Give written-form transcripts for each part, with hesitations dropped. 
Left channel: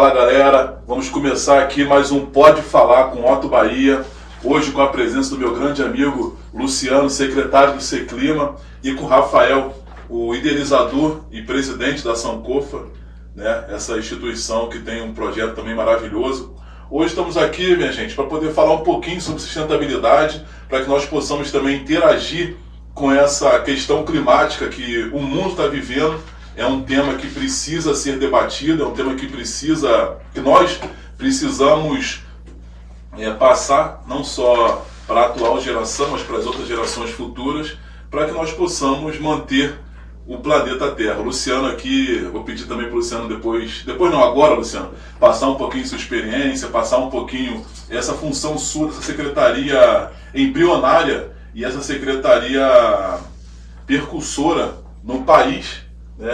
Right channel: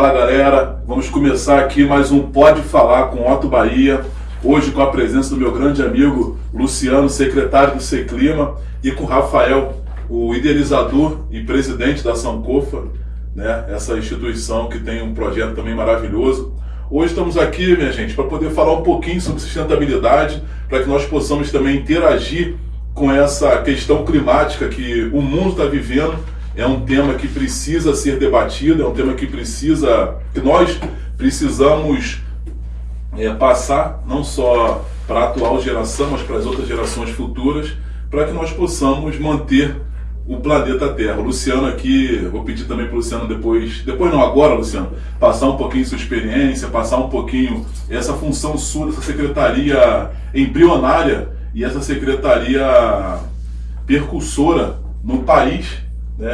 Fala galera, vamos começar aqui mais um Pode Falar com Otto Bahia, hoje com a presença do meu grande amigo Luciano, secretário do Seclima, e com Rafael, o idealizador e presidente da Sankofa, né? Essa instituição que tem um projeto também maravilhoso. Hoje estamos aqui, minha gente, para poder falar um pouquinho sobre sustentabilidade, para que nós possamos também interagir com essa questão climática que o mundo está vivendo. É um tema que precisa ser debatido, é um tema que nós precisamos passar não só para a atual geração, mas para as outras gerações futuras, para que nós possamos manter o planeta Terra. O Luciano aqui, vou pedir também para o Luciano depois não, agora, Luciano, passar um pouquinho sua experiência, passar um pouquinho essa função sua, essa secretaria embrionária e essa secretaria percursora no país.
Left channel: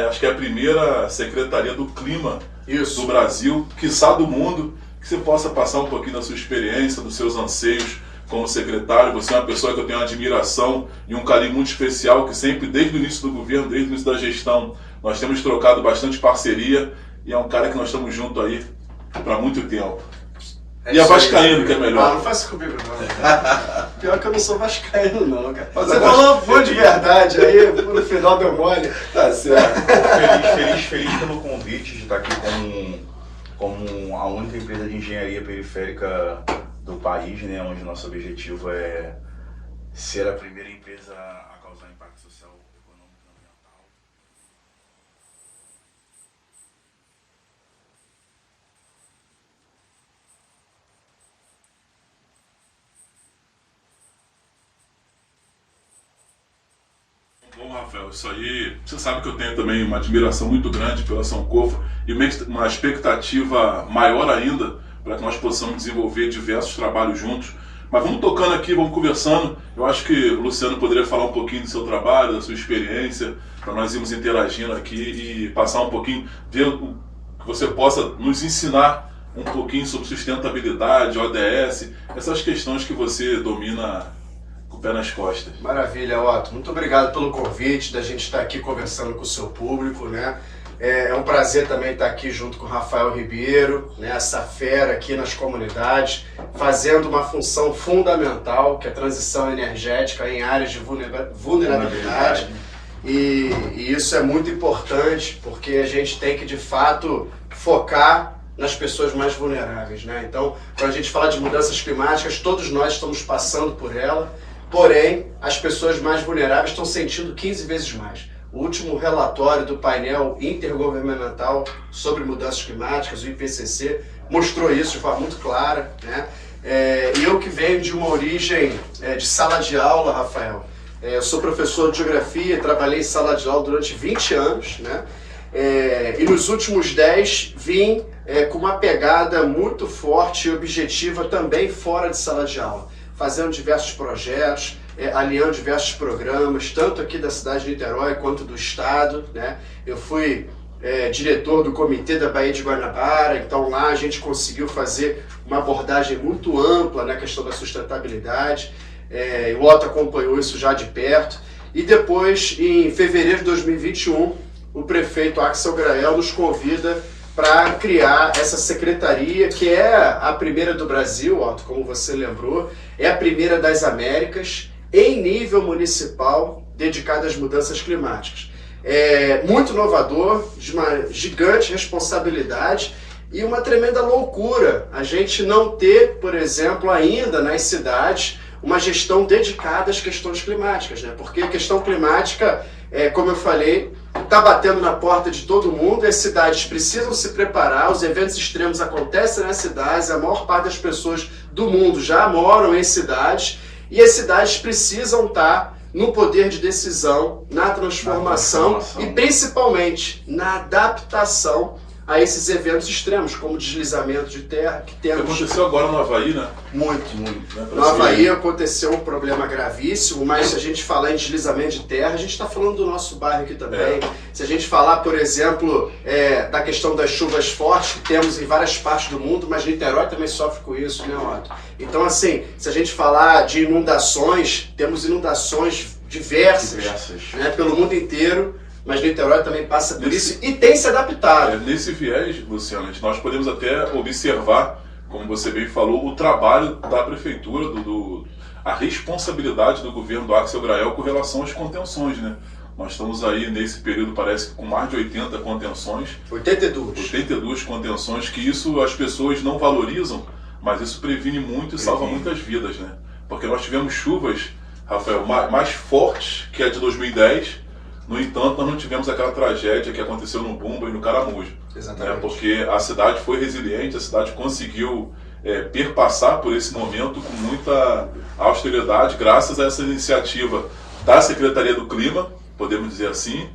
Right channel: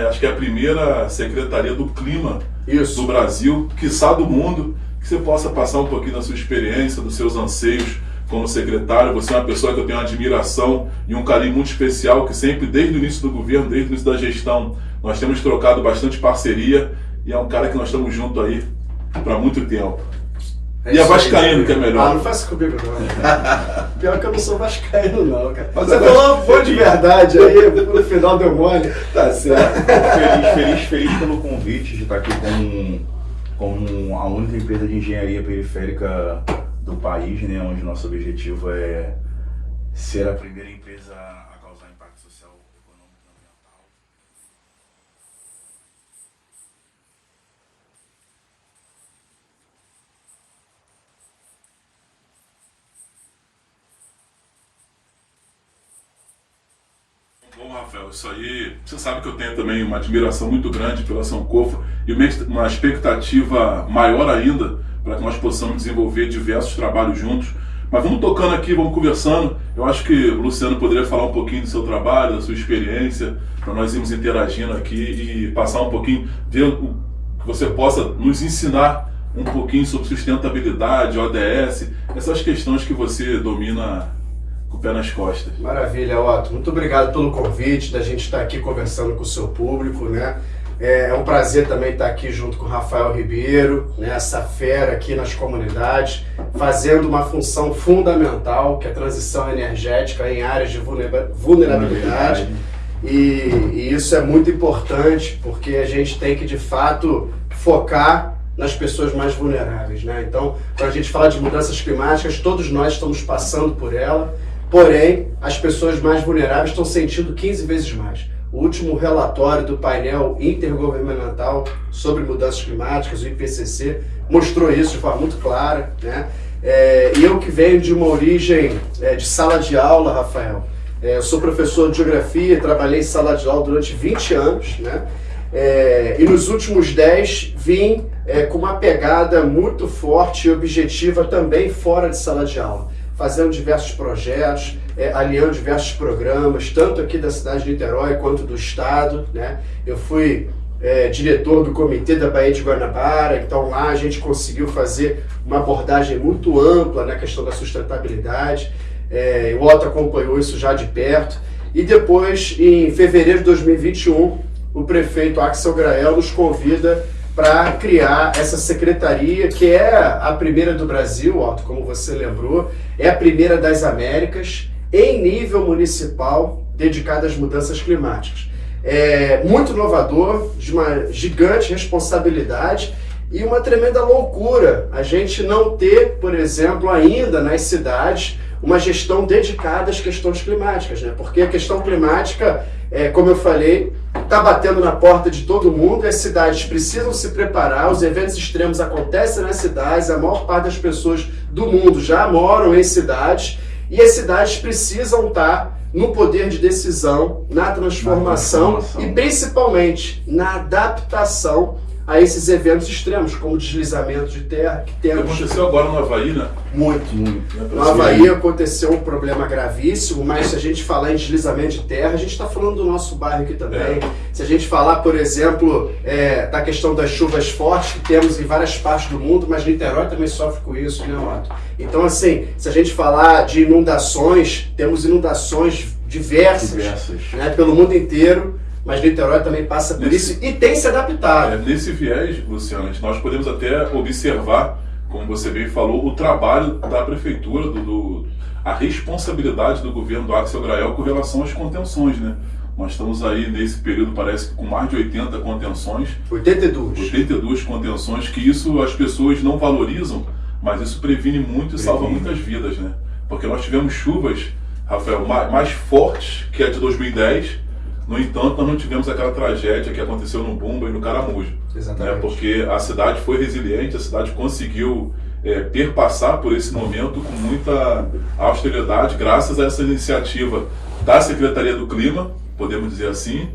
Acho que é a primeira secretaria do clima do Brasil, quiçá do mundo, que você possa passar um pouquinho da sua experiência, dos seus anseios como secretário. Você é uma pessoa que eu tenho uma admiração e um carinho muito especial, que sempre, desde o início do governo, desde o início da gestão, nós temos trocado bastante parceria, e é um cara que nós estamos juntos aí para muito tempo. E a vascaíno, que é melhor. Ah, não faça comigo não. Pior que eu não sou vascaíno não, cara. Você falou foi de verdade, aí no final deu mole. Tá certo. Feliz pelo convite de estar aqui como a única empresa de engenharia periférica do país, né, onde nosso objetivo é ser a primeira empresa a causar impacto social, econômico e ambiental. Bom, Rafael, isso aí, você sabe que eu tenho também uma admiração muito grande pela Sankofa e uma expectativa maior ainda para que nós possamos desenvolver diversos trabalhos juntos. Mas vamos tocando aqui, vamos conversando. Eu acho que o Luciano poderia falar um pouquinho do seu trabalho, da sua experiência, para nós irmos interagindo aqui e passar um pouquinho, ver o que você possa nos ensinar um pouquinho sobre sustentabilidade, ODS, essas questões que você domina com o pé nas costas. Maravilha, Otto. Muito obrigado pelo convite, da gente estar aqui conversando com o seu público, né? É um prazer também estar aqui junto com o Rafael Ribeiro, né, essa fera aqui nas comunidades, fazendo uma função fundamental, que é a transição energética em áreas de vulnerabilidade. E isso é muito importante, porque a gente tem que, de fato, focar nas pessoas mais vulneráveis, né? Então, quando a gente fala de mudanças climáticas, todos nós estamos passando por ela, porém, as pessoas mais vulneráveis estão sentindo 15 vezes mais. O último relatório do painel intergovernamental sobre mudanças climáticas, o IPCC, mostrou isso de forma muito clara, né? E eu que venho de uma origem de sala de aula, Rafael, eu sou professor de geografia, trabalhei em sala de aula durante 20 anos, né? E nos últimos 10 vim com uma pegada muito forte e objetiva também fora de sala de aula, fazendo diversos projetos, alinhando diversos programas, tanto aqui da cidade de Niterói quanto do estado, né? Eu fui diretor do comitê da Baía de Guanabara, então lá a gente conseguiu fazer uma abordagem muito ampla na questão da sustentabilidade. O Otto acompanhou isso já de perto. E depois, em fevereiro de 2021, o prefeito Axel Grael nos convida para criar essa secretaria, que é a primeira do Brasil, Otto, como você lembrou, é a primeira das Américas, em nível municipal, dedicada às mudanças climáticas. É muito inovador, de uma gigante responsabilidade e uma tremenda loucura a gente não ter, por exemplo, ainda nas cidades, uma gestão dedicada às questões climáticas, né? Porque a questão climática, como eu falei, está batendo na porta de todo mundo, as cidades precisam se preparar, os eventos extremos acontecem nas cidades, a maior parte das pessoas do mundo já moram em cidades, e as cidades precisam estar no poder de decisão, na transformação e principalmente na adaptação a esses eventos extremos, como o deslizamento de terra que temos. Aconteceu agora no Havaí, né? Muito. No Havaí aconteceu um problema gravíssimo, mas se a gente falar em deslizamento de terra, a gente está falando do nosso bairro aqui também. Se a gente falar, por exemplo, da questão das chuvas fortes que temos em várias partes do mundo, mas Niterói também sofre com isso, né, Otto? Então, assim, se a gente falar de inundações, temos inundações diversas. Né, pelo mundo inteiro. mas Niterói também passa por isso e tem se adaptado. Nesse viés, Luciano, nós podemos até observar, como você bem falou, o trabalho da prefeitura, a responsabilidade do governo do Axel Grael com relação às contenções, né? Nós estamos aí nesse período, parece que com mais de 80 contenções. 82 contenções, que isso as pessoas não valorizam, mas isso previne muito e salva muitas vidas, né? Porque nós tivemos chuvas, Rafael, mais fortes que a de 2010, no entanto, nós não tivemos aquela tragédia que aconteceu no Bumba e no Caramujo. Exatamente. Né? Porque a cidade foi resiliente, a cidade conseguiu perpassar por esse momento com muita austeridade, graças a essa iniciativa da Secretaria do Clima, podemos dizer assim,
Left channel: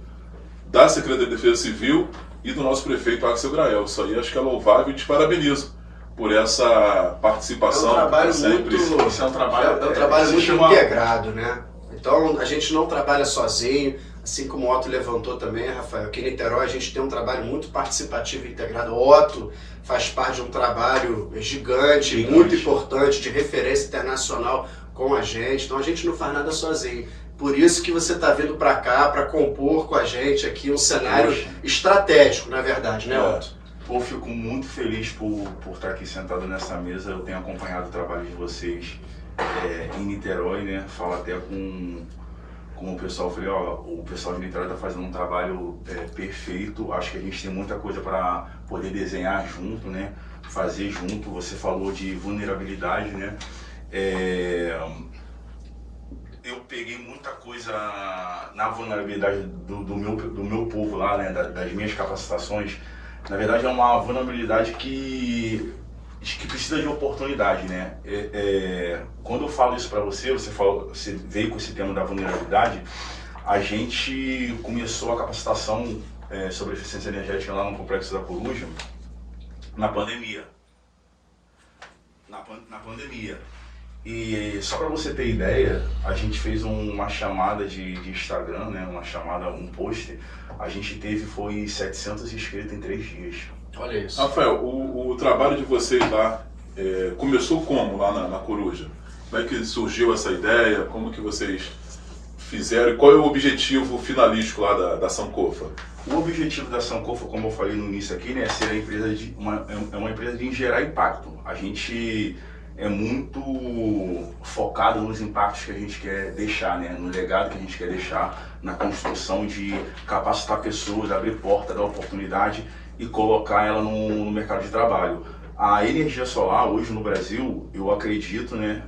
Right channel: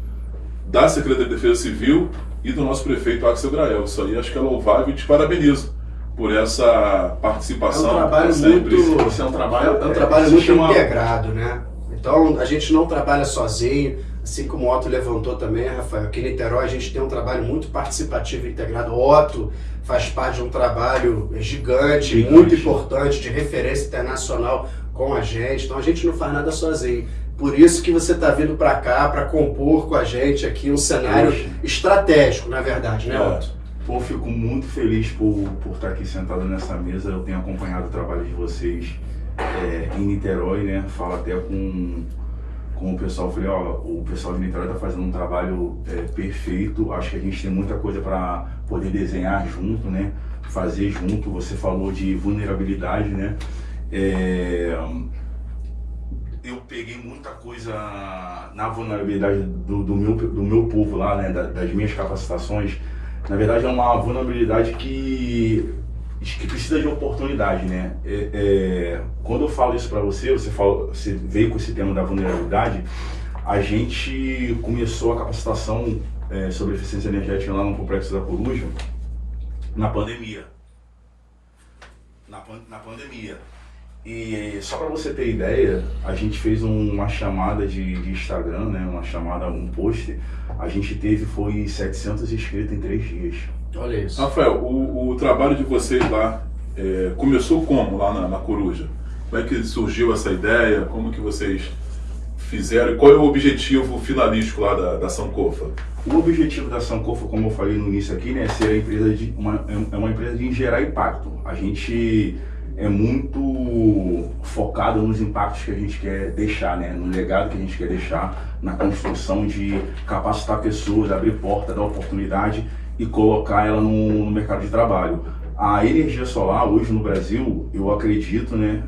da Secretaria de Defesa Civil e do nosso prefeito Axel Grael. Isso aí acho que é louvável e te parabenizo por essa participação. É um trabalho muito integrado, né? Então a gente não trabalha sozinho, assim como o Otto levantou também, Rafael. Aqui em Niterói a gente tem um trabalho muito participativo e integrado. O Otto faz parte de um trabalho gigante, muito importante, de referência internacional com a gente. Então a gente não faz nada sozinho. Por isso que você está vindo para cá, para compor com a gente aqui um cenário estratégico, na verdade, né, Otto? Pô, fico muito feliz por estar aqui sentado nessa mesa. Eu tenho acompanhado o trabalho de vocês em Niterói, né? Falo até com o pessoal, falei, ó, o pessoal de Niterói está fazendo um trabalho perfeito. Acho que a gente tem muita coisa para poder desenhar junto, né? Fazer junto. Você falou de vulnerabilidade, né? Eu peguei muita coisa na vulnerabilidade do meu povo lá, né? Das minhas capacitações. Na verdade, é uma vulnerabilidade que precisa de oportunidade, né? Quando eu falo isso para você, você veio com esse tema da vulnerabilidade, a gente começou a capacitação sobre eficiência energética lá no Complexo da Coruja na pandemia. Na pandemia. E só para você ter ideia, a gente fez uma chamada de Instagram, né? Um post. A gente foi 700 inscritos em 3 dias. Olha isso. Rafael, o trabalho de vocês lá começou como lá na Coruja? Como é que surgiu essa ideia? Como que vocês fizeram? E qual é o objetivo finalístico lá da Sankofa? O objetivo da Sankofa, como eu falei no início aqui, né, é ser uma empresa de gerar impacto. A gente é muito focado nos impactos que a gente quer deixar, né? No legado que a gente quer deixar, na construção de capacitar pessoas, abrir porta, dar oportunidade e colocar ela no mercado de trabalho. A energia solar hoje no Brasil, eu acredito, né?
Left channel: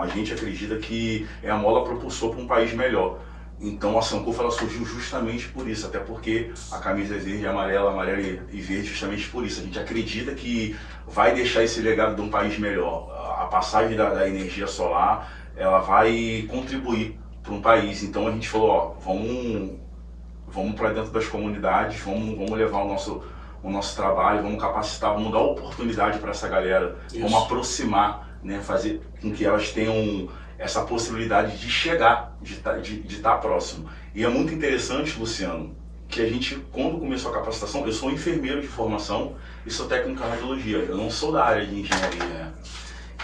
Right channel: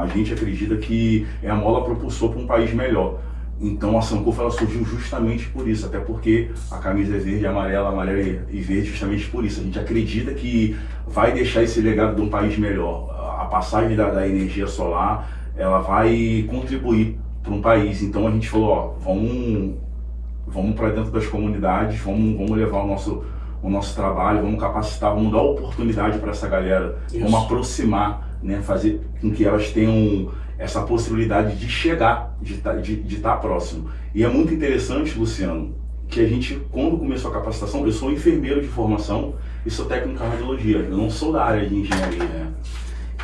A gente acredita que é a mola propulsora para um país melhor. Então a Sankofa ela surgiu justamente por isso, até porque a camisa é verde, amarela e verde justamente por isso. A gente acredita que vai deixar esse legado de um país melhor. A passagem da energia solar, ela vai contribuir para um país. Então a gente falou, ó, vamos para dentro das comunidades, vamos levar o nosso trabalho, vamos capacitar, vamos dar oportunidade para essa galera, vamos aproximar, né, fazer com que elas tenham essa possibilidade de chegar, de estar próximo. E é muito interessante, Luciano, que a gente, quando começou a capacitação, eu sou enfermeiro de formação e sou técnico em radiologia, eu não sou da área de engenharia, né?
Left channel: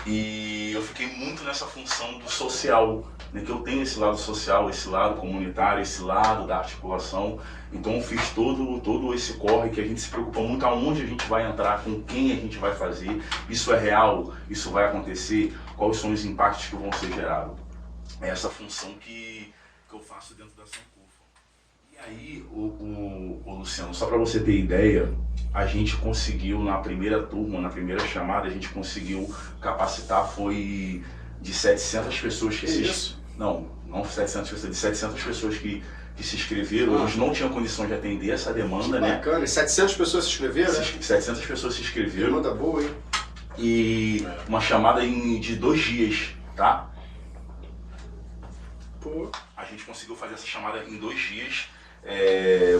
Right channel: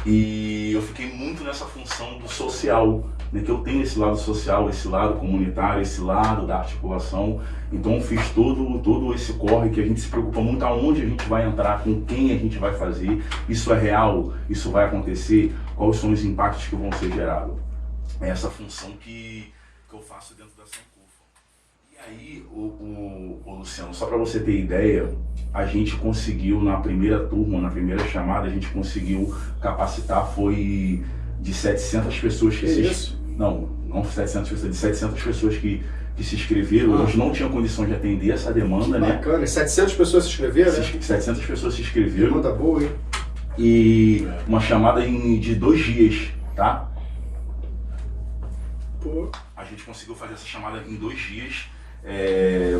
E eu fiquei muito nessa função do social, né, que eu tenho esse lado social, esse lado comunitário, esse lado da articulação. Então eu fiz todo esse corre que a gente se preocupa muito aonde a gente vai entrar, com quem a gente vai fazer, isso é real, isso vai acontecer, quais são os impactos que vão ser gerados. É essa função que eu faço dentro da Sankofa. E aí, o Luciano, só para você ter ideia, a gente conseguiu na primeira turma, na primeira chamada, a gente conseguiu capacitar, foi de 700 pessoas que Não 700 pessoas, de 700 pessoas que se inscreveram. A gente não tinha condição de atender essa demanda, né? Bacana, 700 pessoas se inscreveram, né? 700 pessoas se inscreveram. Demanda boa, hein? E uma chamada de 2 dias, tá? Pô. A gente conseguiu fazer essa chamada em 2 dias.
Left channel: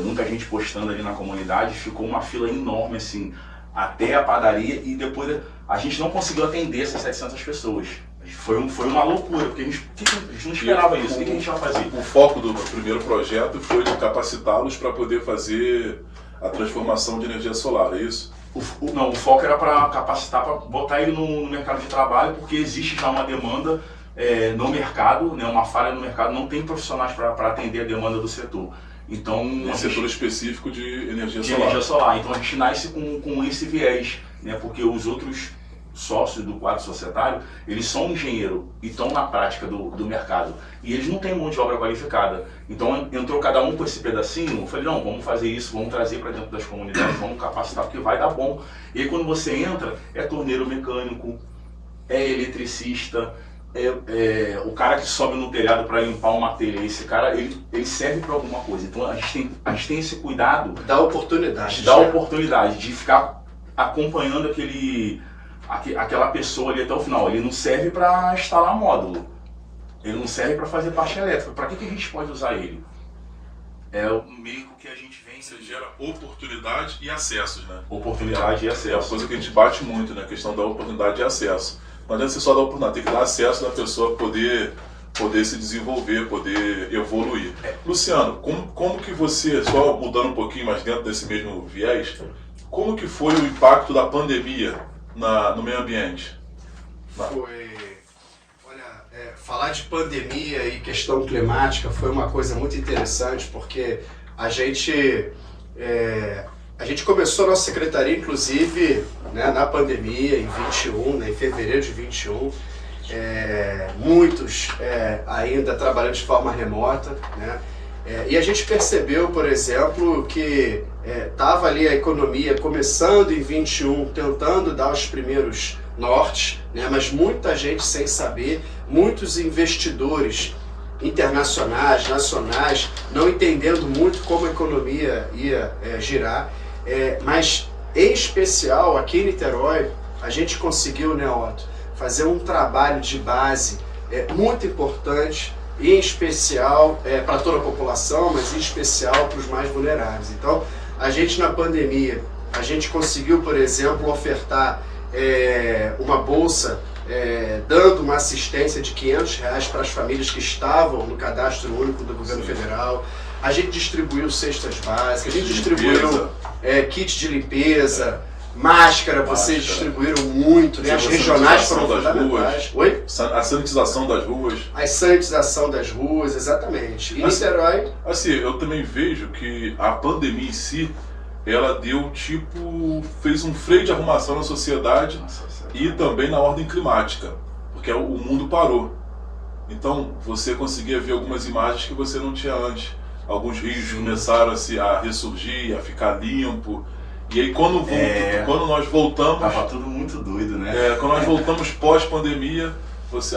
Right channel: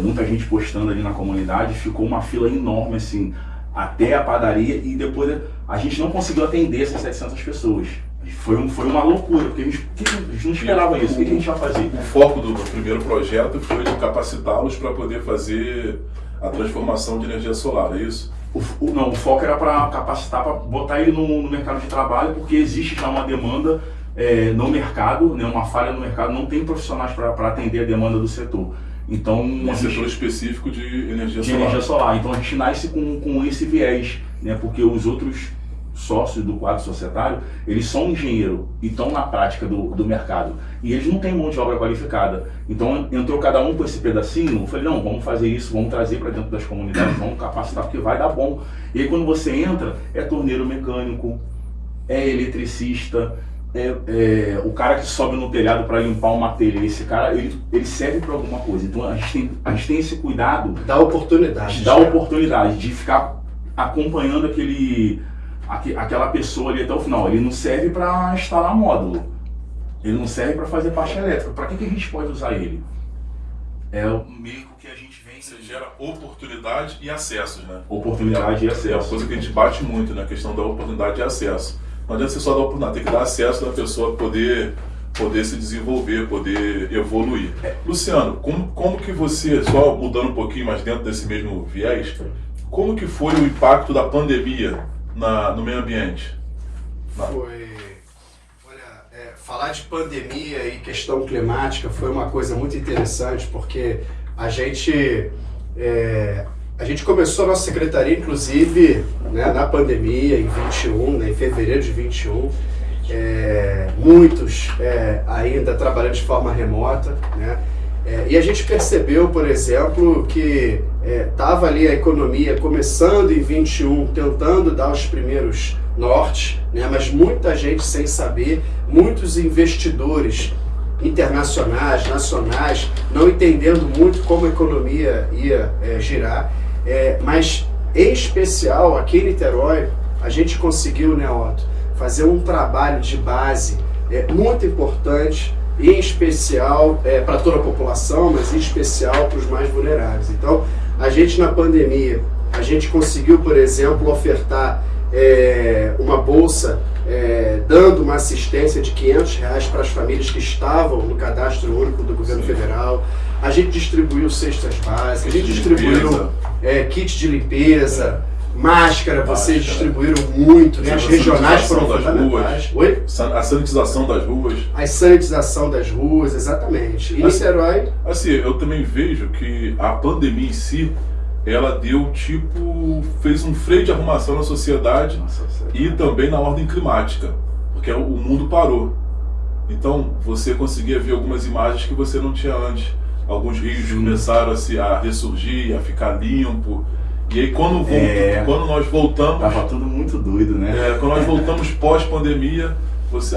Muita gente postando ali na comunidade, ficou uma fila enorme, assim, até a padaria, e depois a gente não conseguiu atender essas 700 pessoas. Foi uma loucura, porque a gente não esperava isso. O que a gente vai fazer? O foco do primeiro projeto foi capacitá-los para poder fazer a transformação de energia solar, é isso? O foco era para capacitar, para botar ele no mercado de trabalho, porque existe já uma demanda no mercado, né, uma falha no mercado, não tem profissionais para atender a demanda do setor. Então, Um setor específico de energia de solar. energia solar. Então a gente nasce com esse viés, né? Porque os outros sócios do quadro societário, eles são engenheiro e estão na prática do mercado. E eles não têm mão de obra qualificada. Então entrou cada um com esse pedacinho, eu falei, não, vamos fazer isso, vamos trazer para dentro das comunidades, vamos capacitar, porque vai dar bom. E aí quando você entra, é torneiro mecânico, é eletricista, o cara que sobe no telhado para limpar uma telha, esse cara, ele serve para alguma coisa. Então a gente tem esse cuidado, Dá oportunidade. de dar oportunidade, de ficar acompanhando aquela pessoa ali até o final. Ele não serve para instalar módulo, ele não serve para fazer parte elétrica. Para que a gente pode usar ele? É o meio que a gente vem... Você gera oportunidade e acessos, né? Oportunidade e É uma acesso. coisa que a gente bate muito, né? A questão da oportunidade e acesso. Não adianta você só dar oportunidade, tem que dar acesso da pessoa poder se desenvolver, poder evoluir. Luciano, como que você, só mudando um pouquinho mais dentro desse mesmo viés, como que foi o impacto da pandemia no meio ambiente? Falar de pandemia e questão climática foi uma coisa muito interessante, porque a gente começou a nossa secretaria, inclusive, né, na pandemia, em 21, né, em fevereiro de 21, muitos ainda trabalhando de forma remota, né, e a gente percebeu, por exemplo, que estava ali a economia começando em 21, tentando dar os primeiros nortes, né, mas muita gente sem saber, muitos investidores internacionais, nacionais, não entendendo muito como a economia ia girar, mas em especial aqui em Niterói, a gente conseguiu, né, Otto, fazer um trabalho de base muito importante, em especial para toda a população, mas em especial para os mais vulneráveis. Então, a gente na pandemia, a gente conseguiu, por exemplo, ofertar uma bolsa dando uma assistência de R$500 para as famílias que estavam no cadastro único do governo federal. A gente distribuiu cestas básicas, a gente distribuiu kit de limpeza, máscara, vocês distribuíram muito, né? As regionais foram fundamentais. Oi? A sanitização das ruas. A sanitização das ruas, exatamente. E Niterói... Assim, eu também vejo que a pandemia em si, ela fez um freio de arrumação na sociedade e também na ordem climática, porque o mundo parou. Então, você conseguia ver algumas imagens que você não tinha antes. Alguns rios começaram a ressurgir, a ficar limpo. E aí, quando nós voltamos... Tava tudo muito doido, né? Quando nós voltamos pós-pandemia,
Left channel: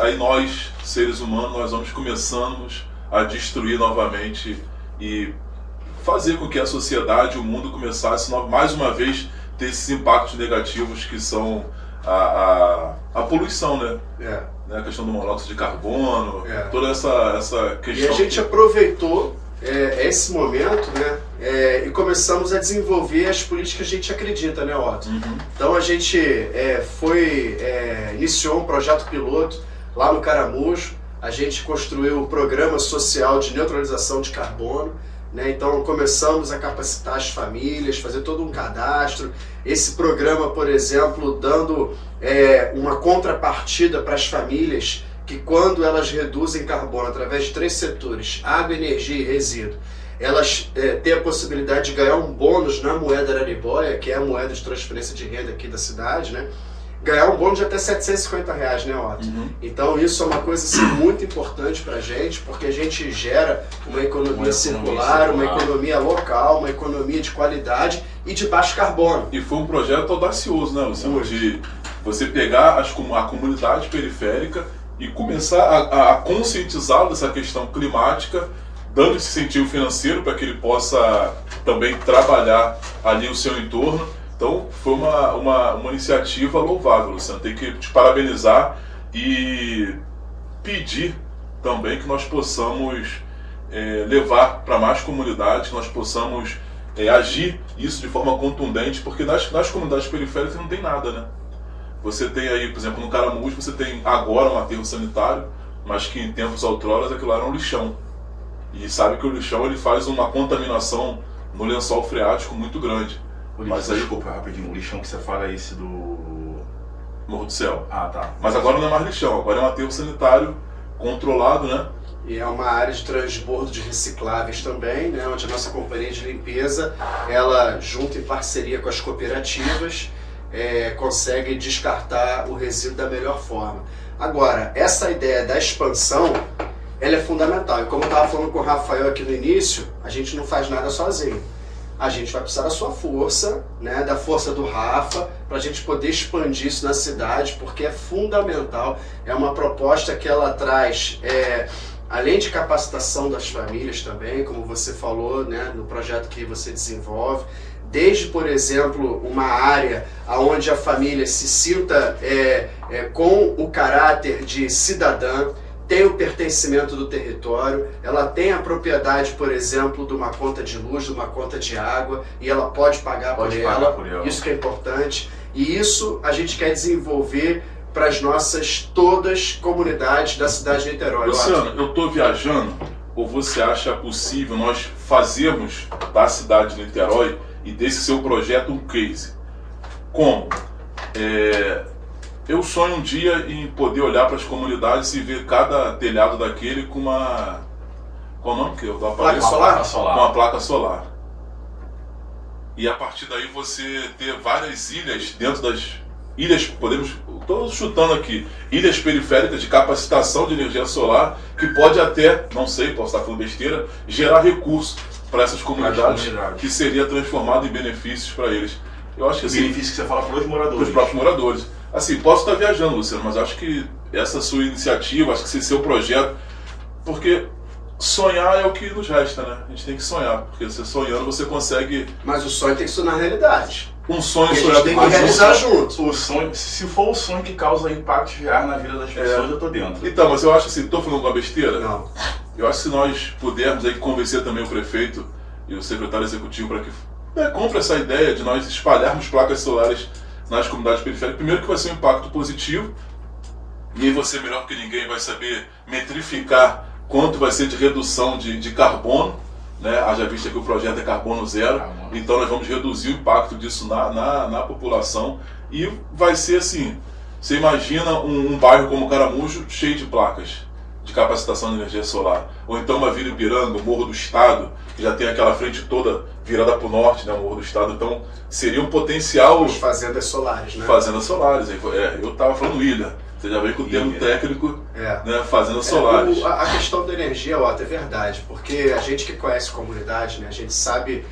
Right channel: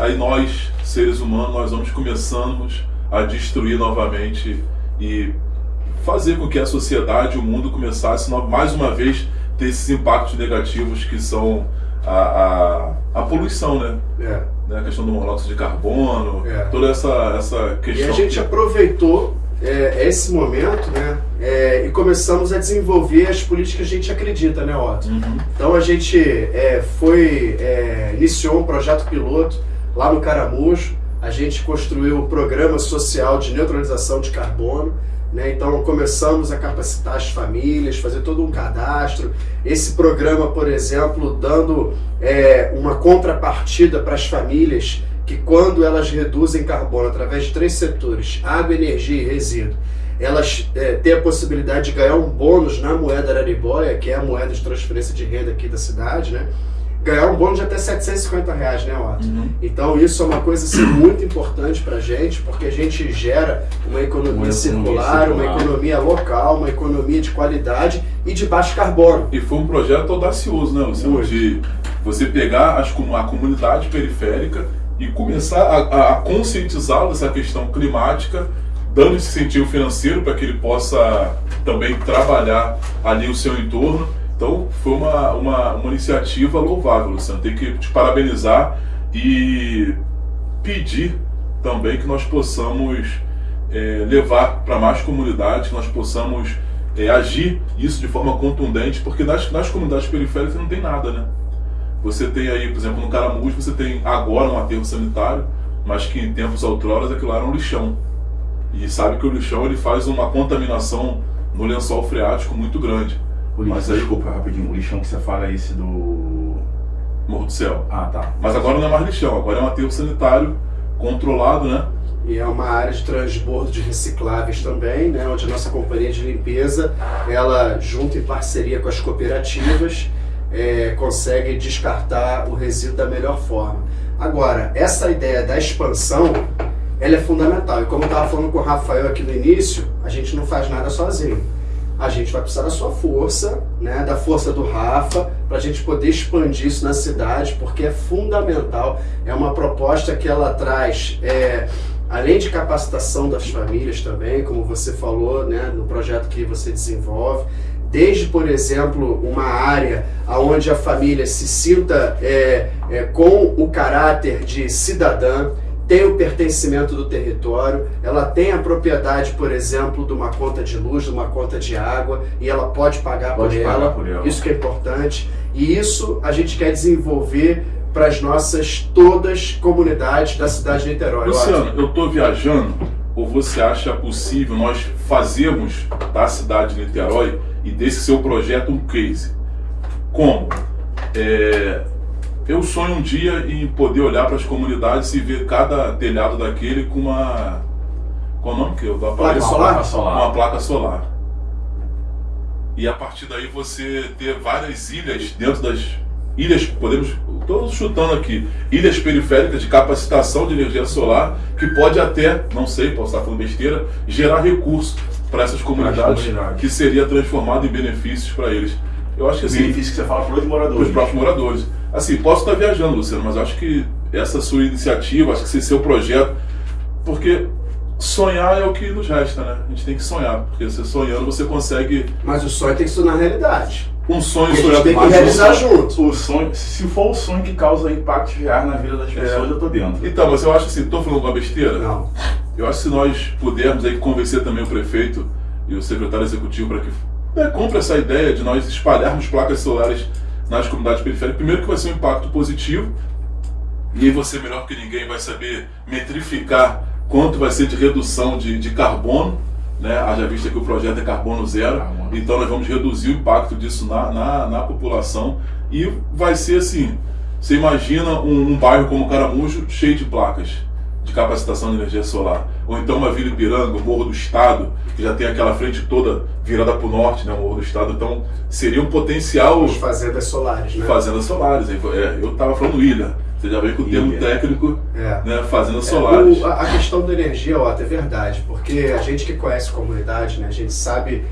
aí nós, seres humanos, nós começamos a destruir novamente e fazer com que a sociedade, o mundo começasse mais uma vez ter esses impactos negativos que são a poluição, né? A questão do monóxido de carbono, toda essa questão. E a gente aproveitou esse momento, né? E começamos a desenvolver as políticas que a gente acredita, né, Otto? Então a gente iniciou um projeto piloto lá no Caramujo, a gente construiu um programa social de neutralização de carbono, né? Então começamos a capacitar as famílias, fazer todo um cadastro. Esse programa, por exemplo, dando uma contrapartida para as famílias que, quando elas reduzem carbono através de 3 setores, água, energia e resíduo, elas têm a possibilidade de ganhar um bônus na moeda araribóia, que é a moeda de transferência de renda aqui da cidade, né? Ganhar um bônus de até R$750, né, Otto? Então isso é uma coisa assim, muito importante para a gente, porque a gente gera uma economia circular, uma economia local, uma economia de qualidade e de baixo carbono. E foi um projeto audacioso, né? De você pegar a comunidade periférica e começar a conscientizá-lo dessa questão climática, dando esse incentivo financeiro para que ele possa também trabalhar ali o seu entorno. Então foi uma iniciativa louvável, Luciano. Tem que te parabenizar e pedir também que nós possamos levar para mais comunidades, que nós possamos agir isso de forma contundente, porque nas comunidades periféricas não tem nada, né? Você tem aí, por exemplo, no Caramujo, você tem agora um aterro sanitário, mas que em tempos outroras aquilo era um lixão. E sabe que o lixão ele faz uma contaminação no lençol freático muito grande. Mas desculpa, rapidinho, o lixão que você fala é esse do... Morro do Céu. Ah, tá. Mas agora não é mais lixão, agora é um aterro sanitário controlado, né? e é uma área de transbordo de recicláveis também, né, onde a nossa companhia de limpeza, ela junto em parceria com as cooperativas, consegue descartar o resíduo da melhor forma. Agora, essa ideia da expansão, ela é fundamental. E como eu estava falando com o Rafael aqui no início, a gente não faz nada sozinho. A gente vai precisar da sua força, né, da força do Rafa, para a gente poder expandir isso na cidade, porque é fundamental. É uma proposta que ela traz, além de capacitação das famílias também, como você falou, né, no projeto que você desenvolve, desde, por exemplo, uma área onde a família se sinta com o caráter de cidadã, tem o pertencimento do território, ela tem a propriedade, por exemplo, de uma conta de luz, de uma conta de água, e ela pode pagar por ela. Isso que é importante. E isso a gente quer desenvolver para as nossas todas comunidades da cidade de Niterói. Luciano, eu estou viajando, ou você acha possível nós fazermos da cidade de Niterói e desse seu projeto um case? Como? Eu sonho um dia em poder olhar para as comunidades e ver cada telhado daquele com uma... Qual o nome que eu vou placa solar? Com uma placa solar. E a partir daí você ter várias ilhas dentro das... Ilhas, podemos... Estou chutando aqui. Ilhas periféricas de capacitação de energia solar que pode até, não sei, posso estar falando besteira, gerar recursos para essas comunidades que seria transformado em benefícios para eles. Eu acho que assim... Benefício que você fala para os moradores. Para os próprios moradores. Assim, posso estar viajando, Luciano, mas acho que essa sua iniciativa, acho que esse seu projeto, porque sonhar é o que nos resta, né? A gente tem que sonhar, porque você sonhando você consegue... Mas o sonho tem que se tornar realidade. Um sonho... A gente tem que realizar junto. O sonho, se for o sonho que causa impactos reais na vida das pessoas, eu tô dentro. Então, mas eu acho assim, estou falando uma besteira? Não. Eu acho que se nós pudermos aí convencer também o prefeito e o secretário executivo para que compre essa ideia de nós espalharmos placas solares nas comunidades periféricas, primeiro que vai ser um impacto positivo, e você melhor que ninguém vai saber metrificar quanto vai ser de redução de carbono, né? Haja vista que o projeto é carbono zero, então nós vamos reduzir o impacto disso na população, e vai ser assim, você imagina um bairro como Caramujo cheio de placas de capacitação de energia solar, ou então uma Vila Ipiranga, o Morro do Estado, que já tem aquela frente toda virada para o norte, né, o Morro do Estado, então seria um potencial... As fazendas solares, né? Fazendas solares, eu estava falando ilha, você já veio com o termo técnico, né, fazendas solares. A questão da energia, Otto, é verdade, porque a gente que conhece comunidade, né, a gente sabe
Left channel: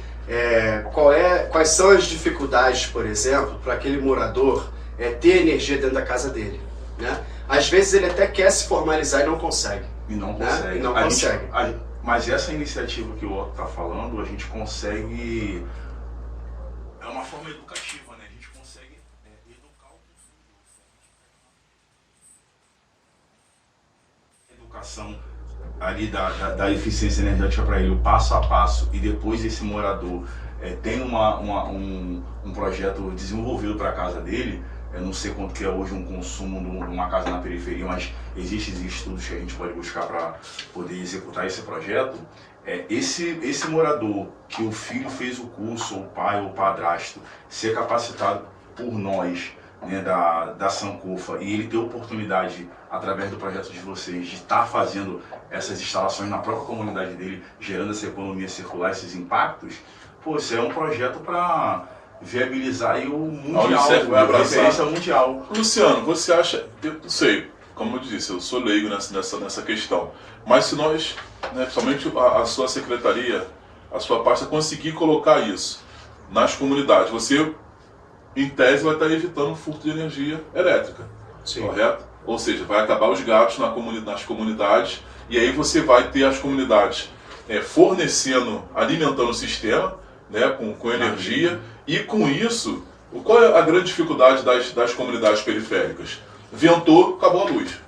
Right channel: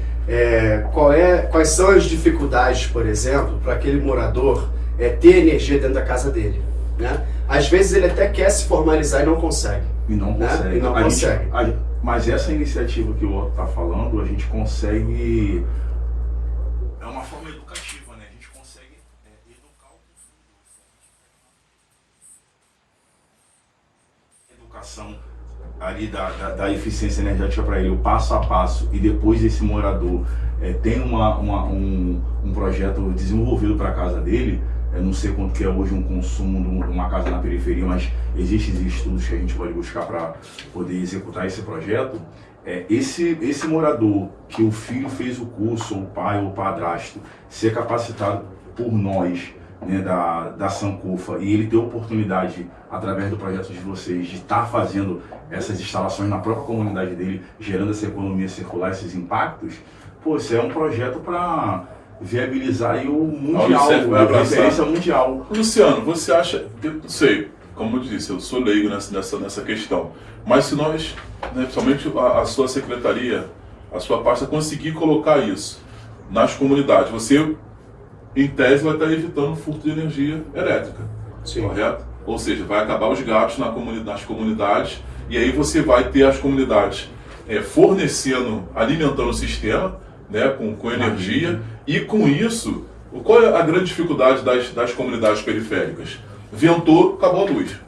quais são as dificuldades, por exemplo, para aquele morador ter energia dentro da casa dele, né? Às vezes ele até quer se formalizar e não consegue. E não consegue. Né? E não consegue. Mas essa iniciativa que o Otto está falando, a gente consegue... É uma forma educativa, né? A gente consegue educar o público. Educação ali da eficiência energética para ele, o passo a passo, e depois esse morador tem um projeto desenvolvido para a casa dele. Eu não sei quanto que é hoje um consumo de uma casa na periferia, mas existem estudos que a gente pode buscar para poder executar esse projeto. Esse morador que o filho fez o curso, ou o pai ou o padrasto, ser capacitado por nós, né, da Sankofa, e ele ter oportunidade, através do projeto de vocês, de estar fazendo essas instalações na própria comunidade dele, gerando essa economia circular, esses impactos, pô, isso é um projeto para viabilizar aí o mundial, a referência mundial. Luciano, você acha, eu não sei, como eu disse, eu sou leigo nessa questão, mas se nós, né, somente a sua secretaria, a sua pasta conseguir colocar isso nas comunidades, você, em tese, vai estar evitando o furto de energia elétrica, correto? Ou seja, vai acabar os gastos nas comunidades, e aí você vai ter as comunidades fornecendo, alimentando o sistema, né, com energia, e com isso, qual é a grande dificuldade das comunidades periféricas? Ventou, acabou a luz.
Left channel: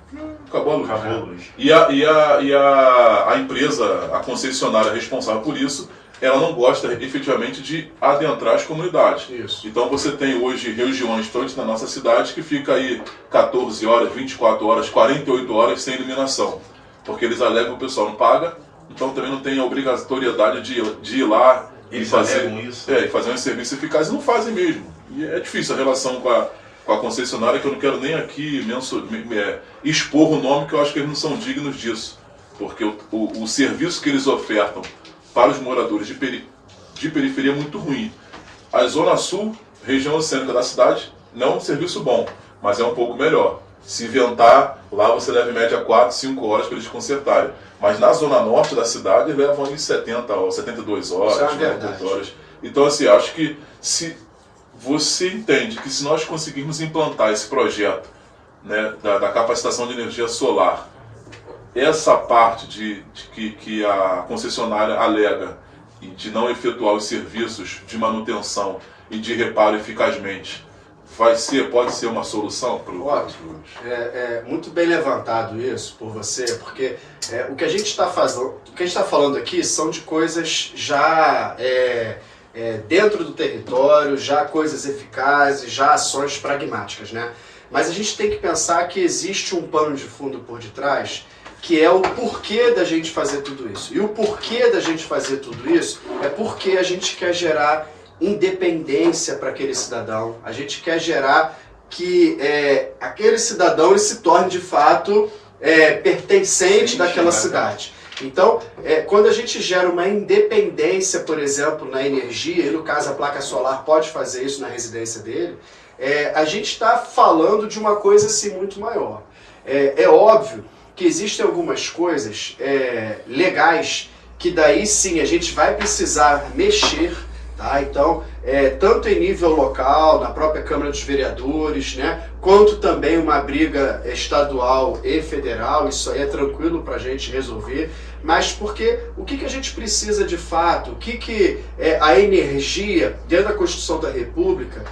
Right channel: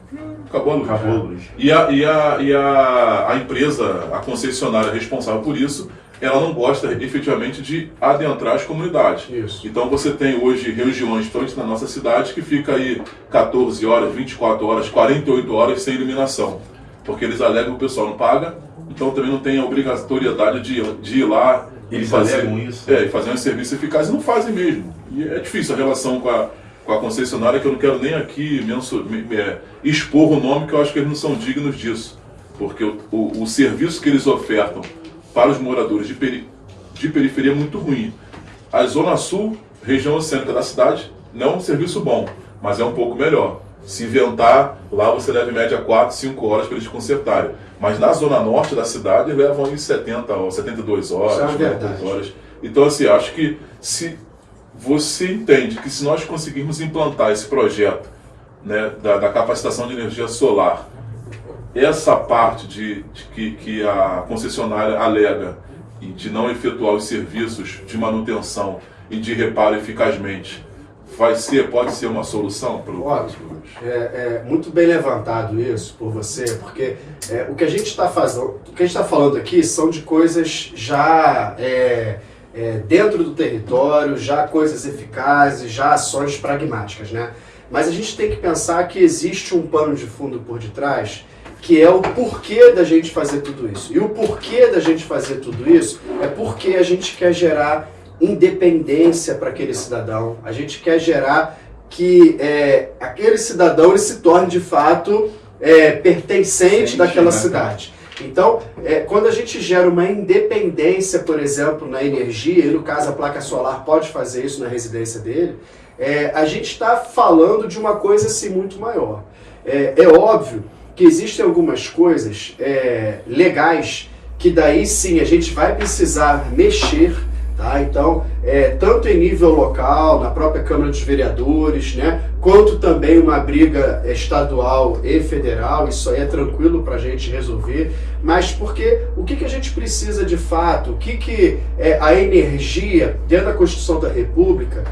Acabou a luz. E a empresa, a concessionária responsável por isso, ela não gosta efetivamente de adentrar as comunidades. Isso. Então você tem hoje regiões, tanto na nossa cidade, que fica aí 14 horas, 24 horas, 48 horas sem iluminação. Porque eles alegam que o pessoal não paga, então também não tem a obrigatoriedade de ir lá e fazer isso. E fazer um serviço eficaz, e não fazem mesmo. E é difícil a relação com a concessionária, que eu não quero nem aqui expor o nome, que eu acho que eles não são dignos disso. porque o serviço que eles ofertam para os moradores de periferia é muito ruim. A Zona Sul, região centro da cidade, não é um serviço bom, mas é um pouco melhor. Se inventar, lá você leva em média 4, 5 horas para eles consertarem. Mas na Zona Norte da cidade, levam em 70 ou 72 horas, 90 horas. Então, assim, acho que se você entende que se nós conseguirmos implantar esse projeto, né, da capacitação de energia solar, essa parte de que a concessionária alega e de não efetuar os serviços de manutenção e de reparo eficazmente, pode ser uma solução para o... Muito bem levantado isso por você, porque o que a gente está falando aqui são de coisas já dentro do território, já coisas eficazes, já ações pragmáticas, né? Mas a gente tem que pensar que existe um pano de fundo por detrás, que é o porquê da gente fazer tudo isso. E o porquê da gente fazer tudo isso é porque a gente quer gerar independência para aquele cidadão. A gente quer gerar que aquele cidadão ele se torne de fato pertencente daquela cidade. Então, quando a gente gera uma independência, por exemplo, na energia, e no caso a placa solar pode fazer isso na residência dele, a gente está falando de uma coisa assim muito maior. É óbvio que existem algumas coisas legais que daí sim a gente vai precisar mexer, tá? Então, tanto em nível local, na própria Câmara dos Vereadores, né, quanto também uma briga estadual e federal, isso aí é tranquilo para a gente resolver, mas porque o que a gente precisa de fato, o que a energia dentro da Constituição da República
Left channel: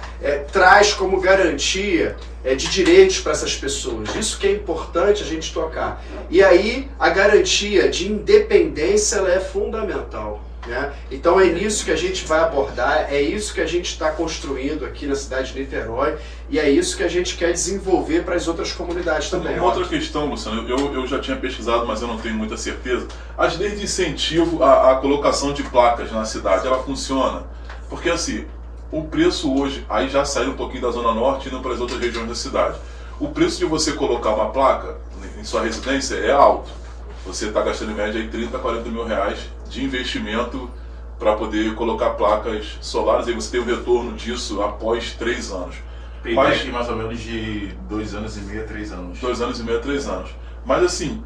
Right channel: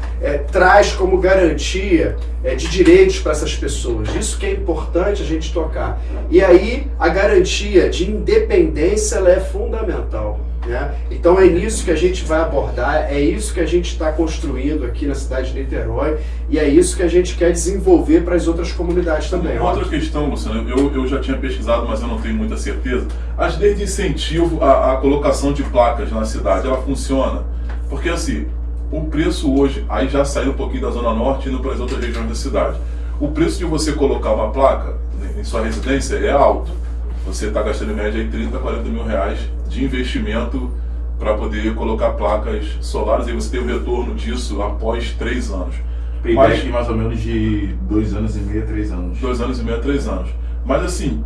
traz como garantia de direitos para essas pessoas, isso que é importante a gente tocar. E aí a garantia de independência ela é fundamental. Né? Então é nisso que a gente vai abordar, é isso que a gente está construindo aqui na cidade de Niterói e é isso que a gente quer desenvolver para as outras comunidades também. Outra questão, Luciano, eu já tinha pesquisado, mas eu não tenho muita certeza. As leis de incentivo à colocação de placas na cidade, ela funciona? Porque assim, o preço hoje, aí já saiu um pouquinho da Zona Norte indo para as outras regiões da cidade. O preço de você colocar uma placa em sua residência é alto. Você está gastando em média aí 30, 40 mil reais de investimento para poder colocar placas solares e você tem o retorno disso após 3 anos. Mas aqui mais ou menos de 2 anos e meio a 3 anos. 2 anos e meio a 3 anos. Mas assim,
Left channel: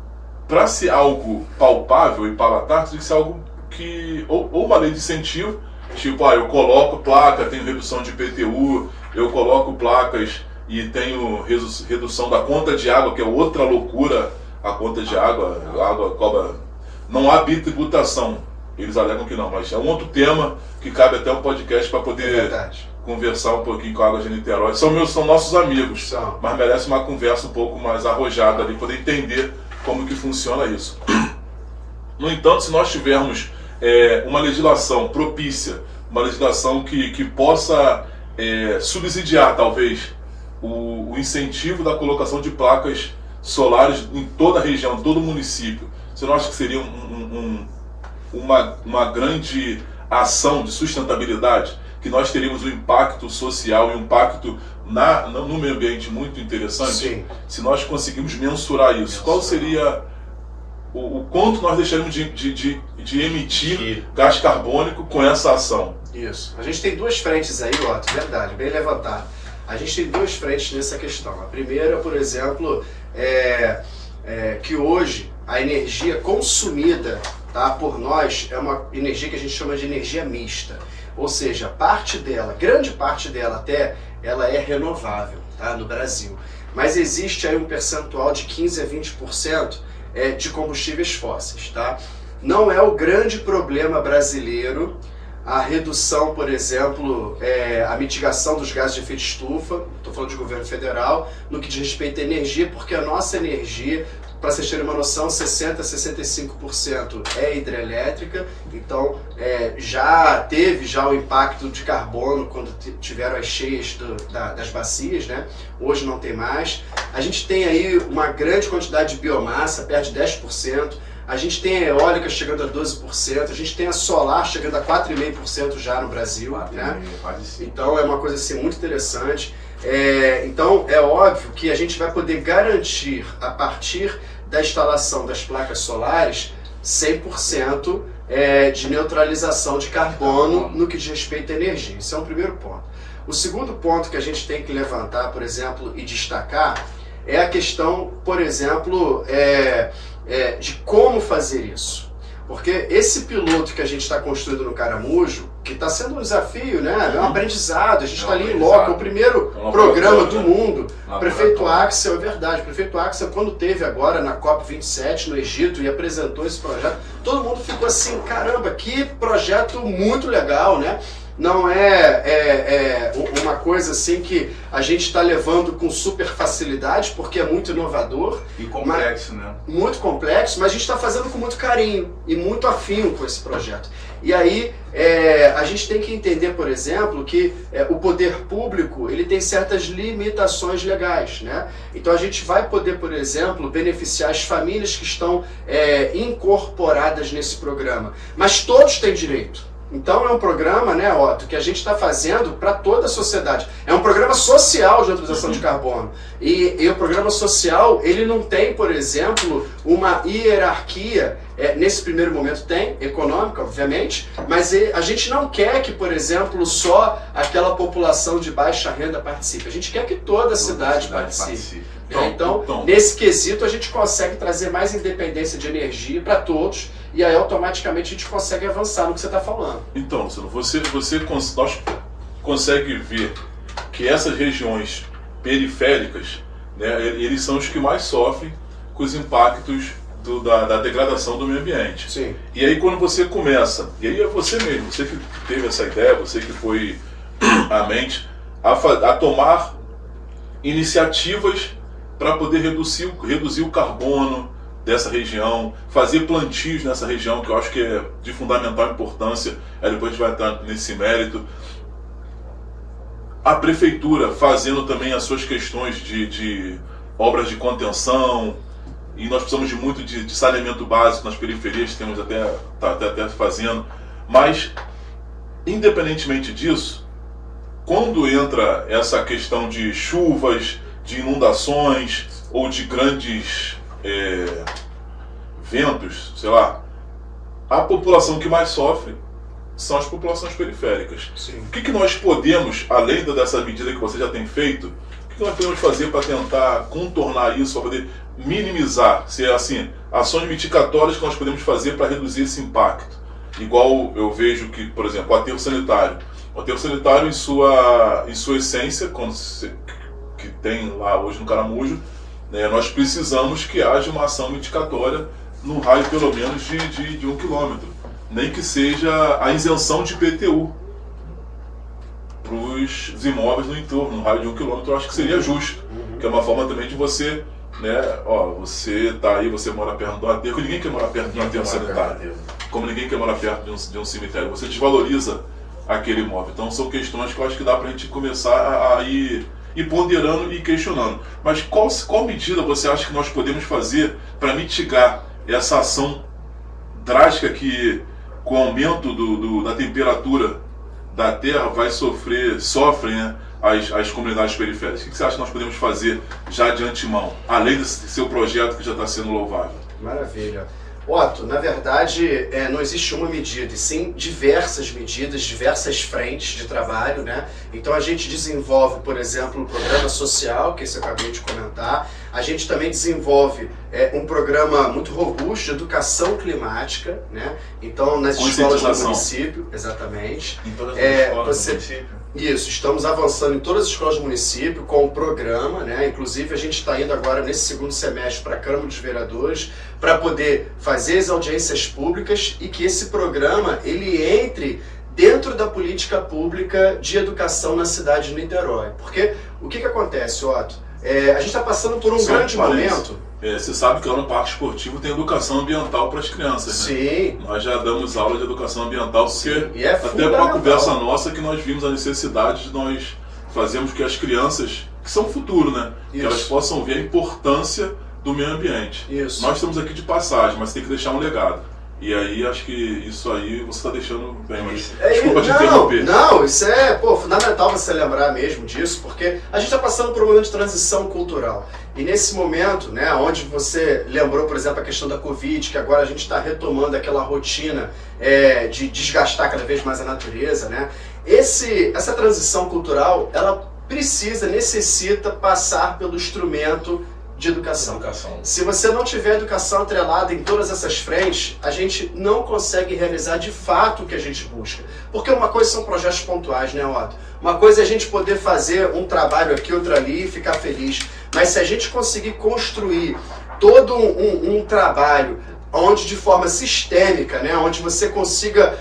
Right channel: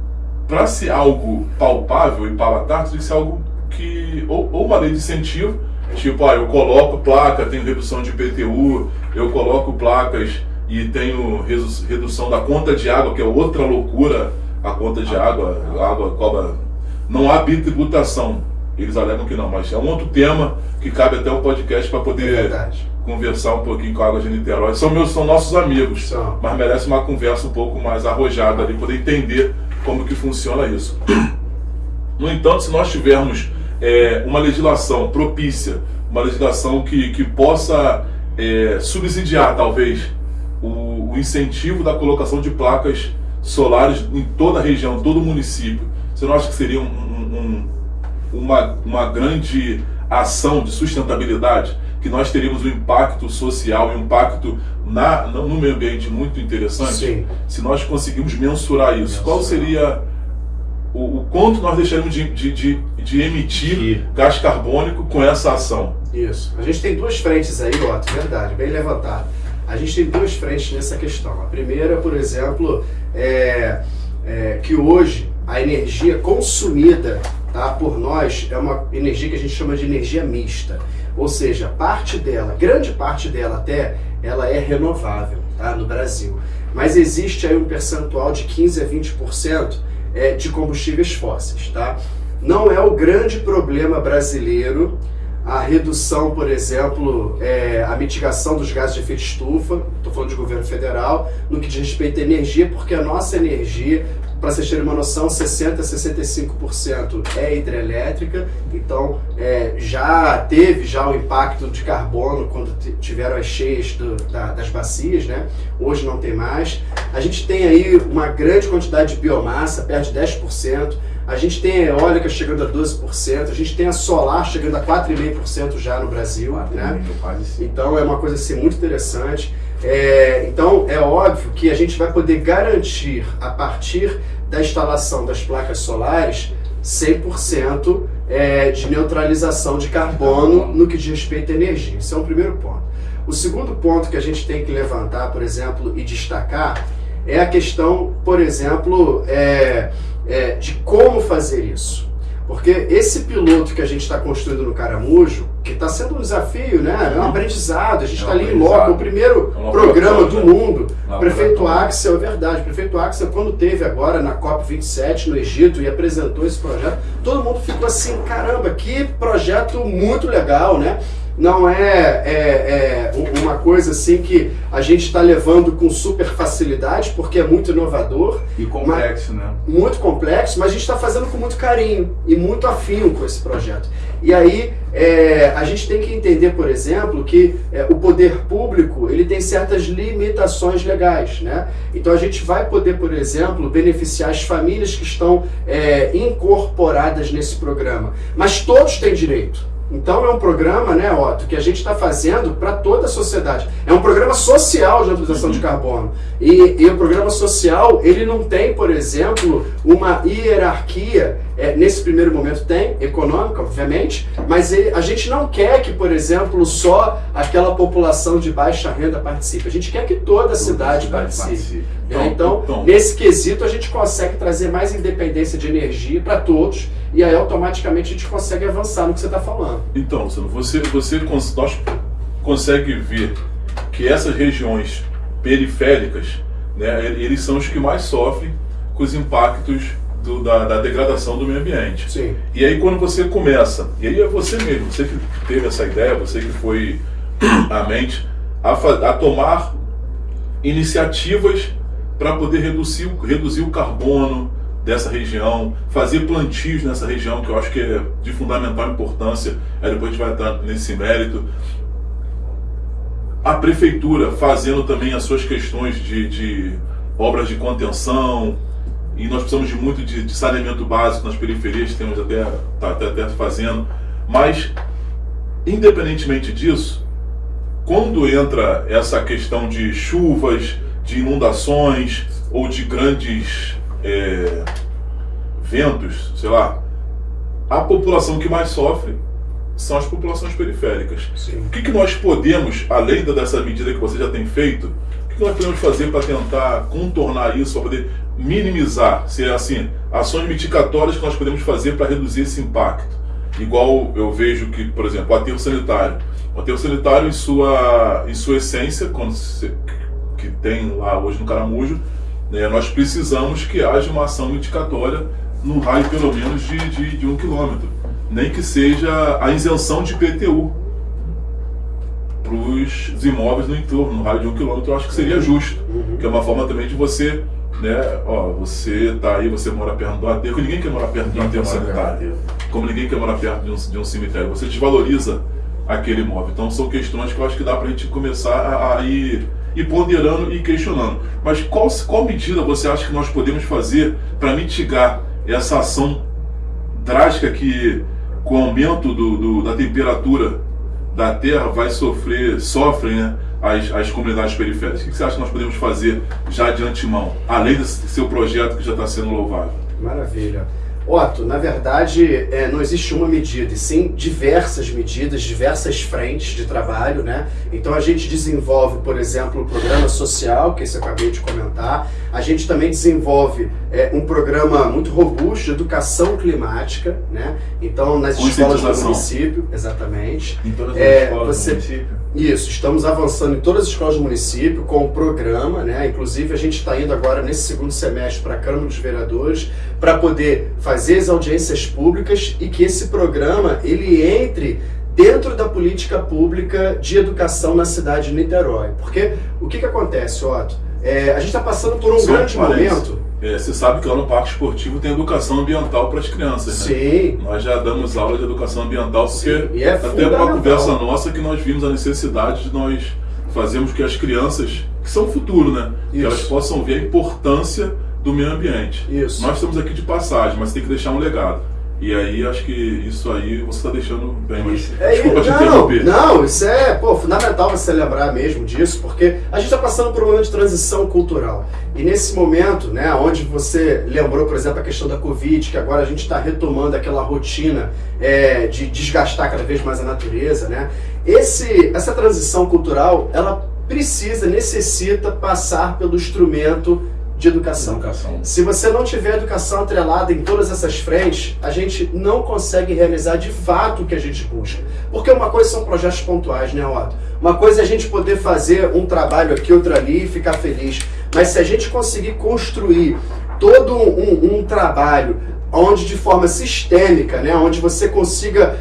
para ser algo palpável e palatável, tem que ser algo que... Ou uma lei de incentivo, tipo, eu coloco placa, tenho redução de IPTU, eu coloco placas e tenho redução da conta de água, que é outra loucura. A conta de água, a água cobra... Não há bitributação, eles alegam que não, mas é um outro tema que cabe até um podcast para poder conversar um pouquinho com a Água de Niterói. São nossos amigos, mas merece uma conversa um pouco mais arrojada ali, poder entender como que funciona isso. No entanto, se nós tivermos uma legislação propícia, uma legislação que possa subsidiar, talvez, o incentivo da colocação de placas solares em toda a região, todo o município, você não acha que seria uma grande ação de sustentabilidade, que nós teríamos um impacto social e um impacto no meio ambiente muito interessante? Sim. Se nós conseguirmos mensurar isso, qual seria o quanto nós deixaríamos de emitir gás carbônico com essa ação? Isso. A gente tem 2 frentes aí, Otto, verdade, bem levantado. A gente tem 2 frentes nessa questão. A primeira, por exemplo, que hoje a energia consumida, tá, por nós é uma energia que a gente chama de energia mista. Ou seja, parte dela, grande parte dela até, ela é renovável, tá, no Brasil. Mas existe aí um percentual de 15 a 20% de combustíveis fósseis. Tá? Não é o grande problema brasileiro a redução, por exemplo, a mitigação dos gases de efeito estufa, estou falando de governo federal, no que diz respeito à energia, porque a nossa energia, para vocês terem uma noção, 60% a 65% é hidrelétrica, então já teve o impacto de carbono quando tiveram as cheias das bacias, né? Hoje não tem mais. A gente tem aí uma grande quantidade de biomassa, perto de 10%, a gente tem a eólica chegando a 12%, a gente tem a solar chegando a 4,5% já no Brasil, né? Então é uma coisa assim muito interessante. Então é óbvio que a gente vai poder garantir, a partir da instalação das placas solares 100% de neutralização de carbono no que diz respeito à energia. Esse é o primeiro ponto. O segundo ponto que a gente tem que levantar, por exemplo, e destacar, é a questão, por exemplo, de como fazer isso. Porque esse piloto que a gente está construindo no Caramujo, que está sendo um desafio, né? É um aprendizado, a gente está ali em loco, é o primeiro programa do mundo. Prefeito Axel, é verdade, prefeito Axel, quando teve agora na COP27 no Egito e apresentou esse projeto, todo mundo ficou assim, caramba, que projeto muito legal, né? Não é uma coisa assim que a gente está levando com super facilidade, porque é muito inovador. E complexo, né? Muito complexo, mas a gente está fazendo com muito carinho e muito afinco esse projeto. E aí a gente tem que entender, por exemplo, que o poder público ele tem certas limitações legais, né? Então a gente vai poder, por exemplo, beneficiar as famílias que estão incorporadas nesse programa, mas todos têm direito. Então é um programa, né, Otto, que a gente está fazendo para toda a sociedade. É um programa social de neutralização de carbono. E o programa social, ele não tem, por exemplo, uma hierarquia, nesse primeiro momento tem, econômica, obviamente, mas a gente não quer que, por exemplo, só aquela população de baixa renda participe. A gente quer que toda a cidade participe. Então, nesse quesito, a gente consegue trazer mais independência de energia para todos, e aí automaticamente a gente consegue avançar no que você está falando. Então, Luciano, nós consegue ver que essas regiões periféricas, né, eles são os que mais sofrem com os impactos da degradação do meio ambiente. Sim. E aí quando você começa, e aí é você mesmo, você que teve essa ideia, você que foi à mente, a tomar iniciativas para poder reduzir o carbono dessa região, fazer plantios nessa região, que eu acho que é de fundamental importância, aí depois a gente vai entrar nesse mérito. A prefeitura fazendo também as suas questões de obras de contenção, e nós precisamos muito de saneamento básico nas periferias, temos até fazendo, mas independentemente disso, quando entra essa questão de chuvas, de inundações ou de grandes ventos, sei lá, a população que mais sofre são as populações periféricas. Sim. O que nós podemos, além dessa medida que você já tem feito, o que nós podemos fazer para tentar contornar isso, para poder minimizar, se é assim, ações mitigatórias que nós podemos fazer para reduzir esse impacto? Igual eu vejo que, por exemplo, o aterro sanitário. O aterro sanitário, em sua essência, que tem lá hoje no Caramujo, né, nós precisamos que haja uma ação mitigatória no raio pelo menos de 1 quilômetro. Nem que seja a isenção de IPTU para os imóveis no entorno, no raio de 1 quilômetro, eu acho que seria justo. Que é uma forma também de você, né, você tá aí, você mora perto do aterro, ninguém quer morar perto de um aterro sanitário, como ninguém quer morar perto de um cemitério, você desvaloriza aquele imóvel. Então são questões que eu acho que dá para a gente começar a ir ponderando e questionando. Mas qual medida você acha que nós podemos fazer para mitigar essa ação drástica que, com o aumento da temperatura da Terra, sofrem, né, as comunidades periféricas? O que você acha que nós podemos fazer já de antemão, além desse seu projeto que já está sendo louvável? Maravilha. Otto, na verdade, não existe uma medida, e sim diversas medidas, diversas frentes de trabalho, né? Então a gente desenvolve, por exemplo, um programa social, que esse eu acabei de comentar. A gente também desenvolve um programa muito robusto de educação climática, né? Então nas escolas do município, exatamente. Em todas as escolas do município? Isso, estamos avançando em todas as escolas do município com um programa, né? Inclusive a gente está indo agora nesse segundo semestre para a Câmara dos Vereadores para poder fazer as audiências públicas e que esse programa ele entre dentro da política pública de educação na cidade de Niterói. Porque o que acontece, Otto? A gente está passando por um grande momento. Você sabe que lá no Parque Esportivo tem educação ambiental para as crianças, né? Sim. Nós já damos aula de educação ambiental, porque e até para a conversa nossa que nós vimos a necessidade de nós fazermos que as crianças, que são o futuro, né? Que elas possam ver a importância do meio ambiente. Isso. Nós estamos aqui de passagem, mas tem que deixar um legado. E aí acho que isso aí você está deixando bem. É, Desculpa te interromper. Não, isso é fundamental você lembrar mesmo disso, porque a gente está passando por um momento de transição cultural. E nesse momento, né, onde você lembrou, por exemplo, a questão da Covid, que agora a gente está retomando aquela rotina de desgastar cada vez mais a natureza, né? Essa transição cultural, ela necessita passar pelo instrumento de educação. Se você não tiver educação atrelada em todas essas frentes, a gente não consegue realizar de fato o que a gente busca. Porque uma coisa são projetos pontuais, né, Otto? Uma coisa é a gente poder fazer um trabalho aqui, outro ali e ficar feliz. Mas se a gente conseguir construir todo um trabalho onde de forma sistêmica, né, onde você consiga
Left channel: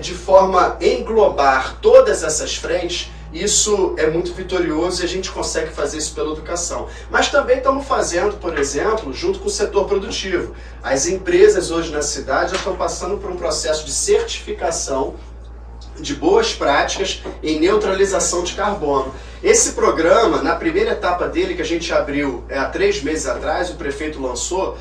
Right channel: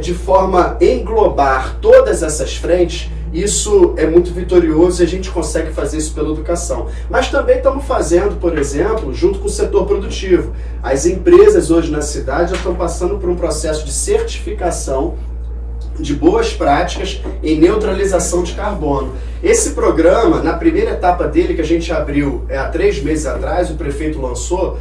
de forma englobar todas essas frentes, isso é muito vitorioso e a gente consegue fazer isso pela educação. Mas também estamos fazendo, por exemplo, junto com o setor produtivo. As empresas hoje na cidade já estão passando por um processo de certificação de boas práticas em neutralização de carbono. Esse programa, na primeira etapa dele, que a gente abriu há 3 meses atrás, o prefeito lançou,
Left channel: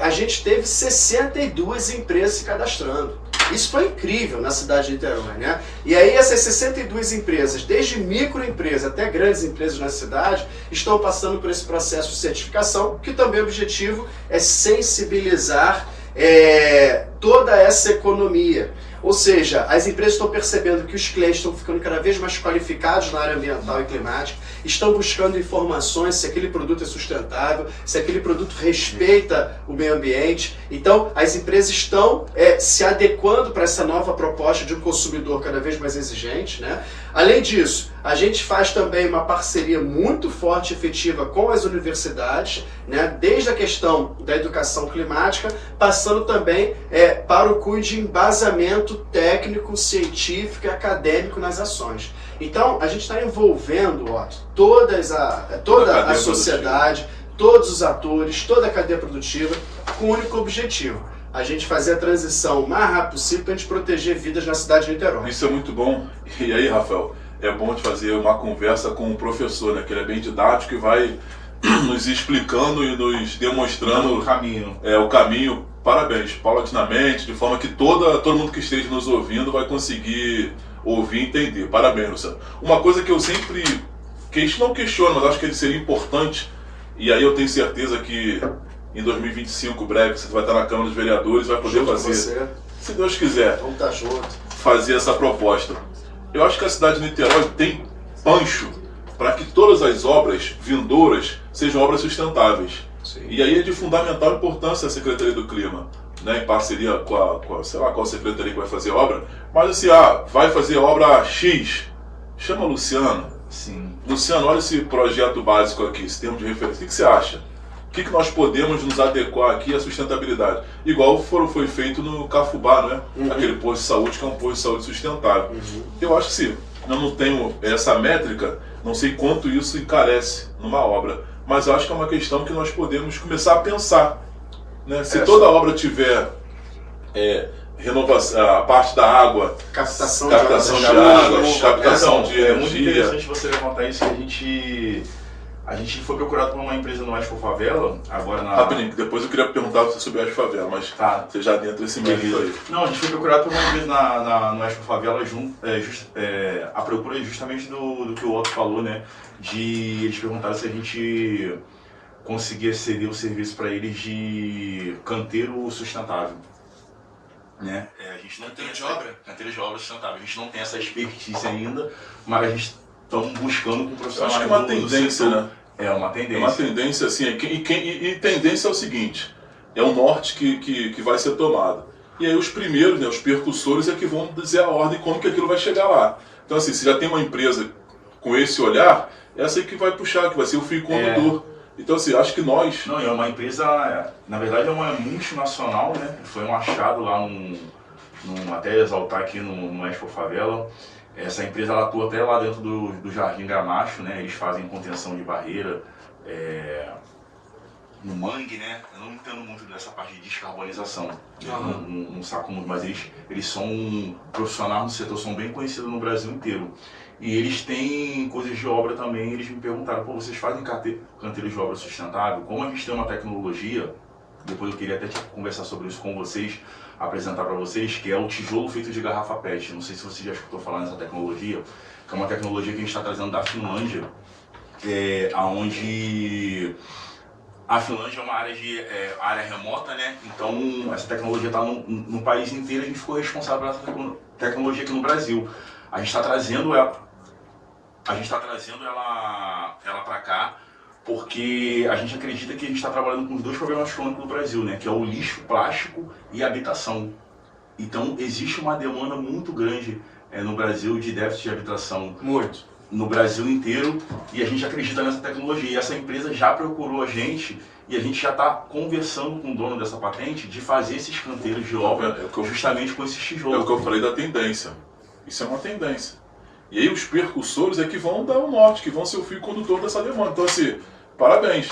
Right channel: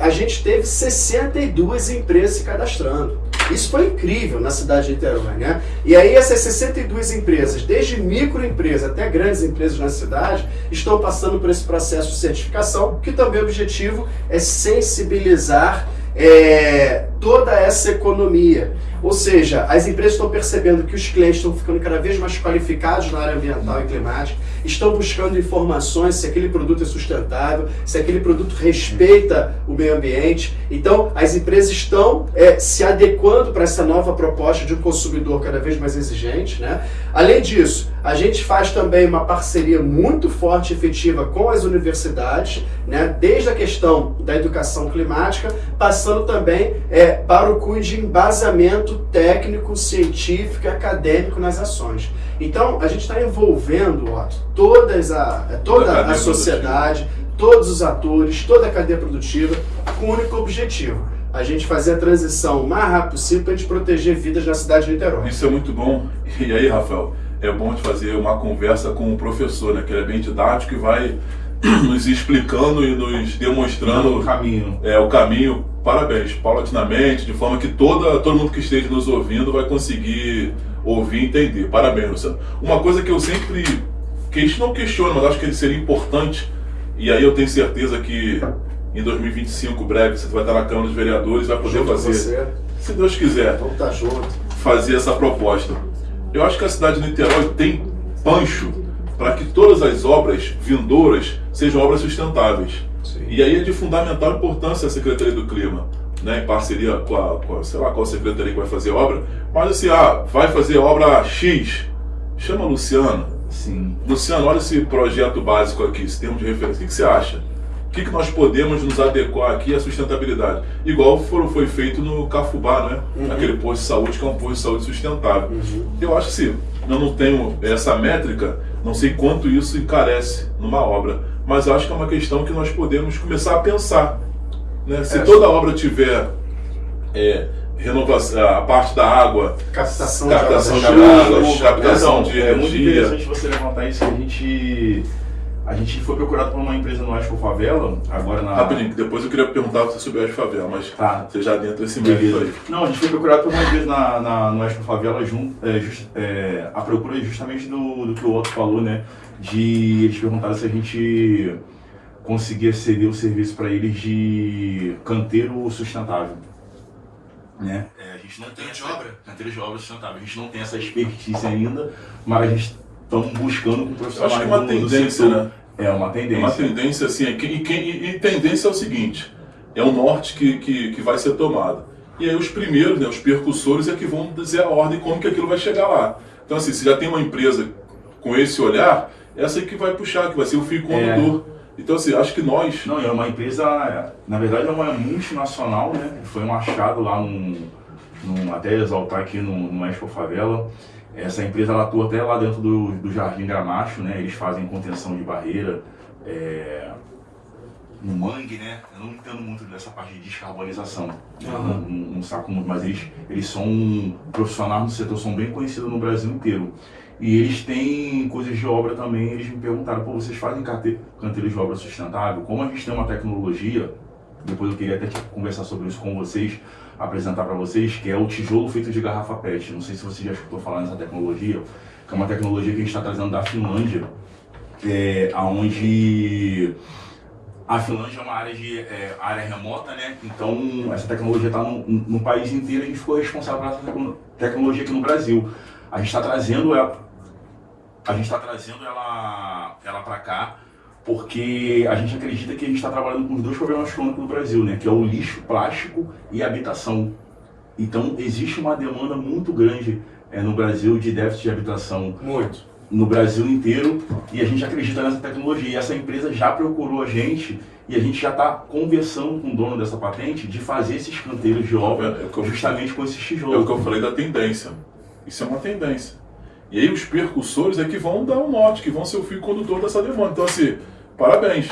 a gente teve 62 empresas se cadastrando. Isso foi incrível na cidade de Niterói, né? E aí essas 62 empresas, desde microempresas até grandes empresas na cidade, estão passando por esse processo de certificação, que também o objetivo é sensibilizar toda essa economia. Ou seja, as empresas estão percebendo que os clientes estão ficando cada vez mais qualificados na área ambiental e climática, estão buscando informações se aquele produto é sustentável, se aquele produto respeita o meio ambiente. Então, as empresas estão se adequando para essa nova proposta de um consumidor cada vez mais exigente, né? Além disso, a gente faz também uma parceria muito forte e efetiva com as universidades, né? Desde a questão da educação climática, passando também para o cunho de embasamento técnico, científico e acadêmico nas ações. Então, a gente está envolvendo, Otto, toda a sociedade, todos os atores, toda a cadeia produtiva, com um único objetivo: a gente fazer a transição o mais rápido possível para a gente proteger vidas na cidade de Niterói. Isso é muito bom. E aí, Rafael, é bom de fazer uma conversa com o professor, né, que ele é bem didático e vai nos explicando e nos demonstrando o caminho. Parabéns, paulatinamente, de forma que todo mundo que esteja nos ouvindo vai conseguir ouvir e entender. Parabéns, Luciano. Uma coisa que eu sempre não questiono, mas acho que seria importante, e aí eu tenho certeza que em 2025, breve, você vai estar na Câmara dos Vereadores, vai poder fazer, se Deus quiser, vamos estar junto, fazer essa proposta. Eu acho que a cidade de Niterói tem pancho para que todas as obras vindouras sejam obras sustentáveis. Sim. E aí é de fundamental importância a Secretaria do Clima, né, em parceria com sei lá qual secretaria que vai fazer a obra, mas assim, vai fazer a obra X, chama o Luciano. Sim. Luciano, olha esse projeto básico aqui, esse termo de referência, o que você acha? O que nós podemos nos adequar aqui à sustentabilidade? Igual foi feito no Cafubá, né? Aquele posto de saúde que é um posto de saúde sustentável. Eu acho que sim, eu não tenho essa métrica, não sei quanto isso encarece numa obra, mas acho que é uma questão que nós podemos começar a pensar, né? Se toda obra tiver renovação, a parte da água, captação de águas, captação de energia. É muito interessante você levantar isso. A gente foi procurado por uma empresa no Expo Favela, agora na... Rapidinho, depois eu queria perguntar sobre a Expo Favela, mas você já adentra esse meio aí. Não, a gente foi procurado por uma empresa no Expo Favela, a procura justamente do que o Otto falou, né? Eles perguntaram se a gente conseguia ceder o serviço para eles de canteiro sustentável. Né? A gente não tem canteiro de obra sustentável, a gente não tem essa expertise ainda, mas a gente estamos buscando profissionais. Acho que é uma tendência, né? É uma tendência. Uma tendência, assim, e tendência é o seguinte, é o norte que vai ser tomado. E aí os primeiros, né, os percussores, é que vão dizer a ordem como que aquilo vai chegar lá. Então assim, se já tem uma empresa com esse olhar, essa aí que vai puxar, que vai ser o fio condutor. Então assim, acho que nós... Não, é uma empresa, na verdade é uma multinacional, né? Foi um achado lá até exaltar aqui no Expo Favela. Essa empresa ela atua até lá dentro do Jardim Gramacho, né? Eles fazem contenção de barreira, no mangue, né? Eu não entendo muito dessa parte de descarbonização, não saco muito, mas eles são profissionais no setor, são bem conhecidos no Brasil inteiro. E eles têm coisas de obra também, eles me perguntaram, vocês fazem canteiros de obra sustentável? Como a gente tem uma tecnologia depois eu queria até conversar sobre isso com vocês, apresentar para vocês, que é o tijolo feito de garrafa PET. Não sei se você já escutou falar nessa tecnologia, que é uma tecnologia que a gente está trazendo da Finlândia, onde a Finlândia é uma área remota, né? Então essa tecnologia está no país inteiro e a gente ficou responsável por essa tecnologia aqui no Brasil. A gente está trazendo ela para cá, porque a gente acredita que a gente está trabalhando com os dois problemas crônicos do Brasil, né? Que é o lixo plástico e a habitação. Então existe uma demanda muito grande no Brasil de déficit de habitação. Muito. No Brasil inteiro, e a gente acredita nessa tecnologia. E essa empresa já procurou a gente e a gente já está conversando com o dono dessa patente de fazer esses canteiros de obra justamente com esses tijolos. É o que eu falei da tendência. Isso é uma tendência. E aí os percussores é que vão dar o norte, que vão ser o fio condutor dessa demanda. Então assim, parabéns.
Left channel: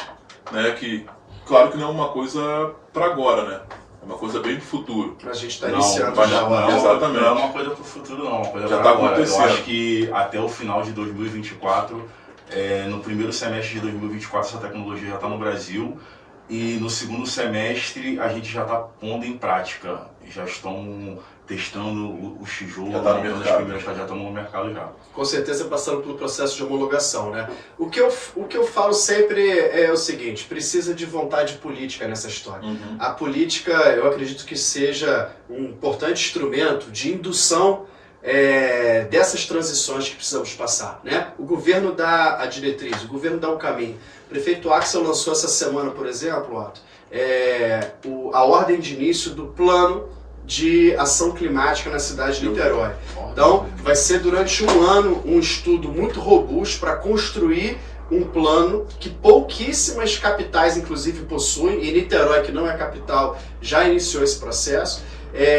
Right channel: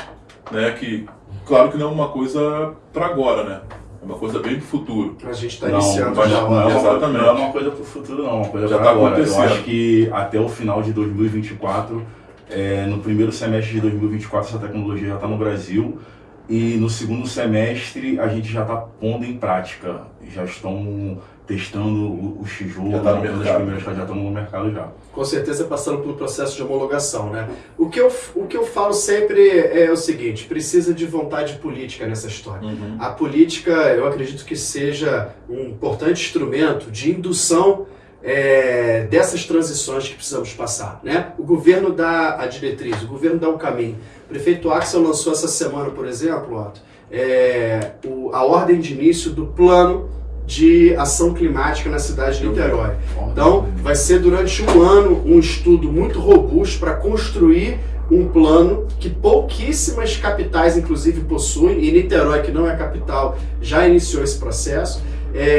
Né? Que, claro que não é uma coisa para agora, né? É uma coisa bem pro futuro. A gente está iniciando já. Exatamente. Não é uma coisa pro futuro, não. É uma coisa já para está agora. acontecendo. Eu acho que até o final de 2024, no primeiro semestre de 2024, essa tecnologia já está no Brasil. E no segundo semestre a gente já está pondo em prática. Já estão testando os tijolos, já estão no mercado já. Com certeza passando pelo processo de homologação, né? O que eu falo sempre é o seguinte: precisa de vontade política nessa história. Uhum. A política, eu acredito que seja um importante instrumento de indução dessas transições que precisamos passar, né? O governo dá a diretriz, o governo dá o caminho. O prefeito Axel lançou essa semana, por exemplo, Otto, a ordem de início do plano de ação climática na cidade de Niterói. Então, vai ser durante um ano um estudo muito robusto para construir um plano que pouquíssimas capitais, inclusive, possuem, e Niterói, que não é a capital, já iniciou esse processo.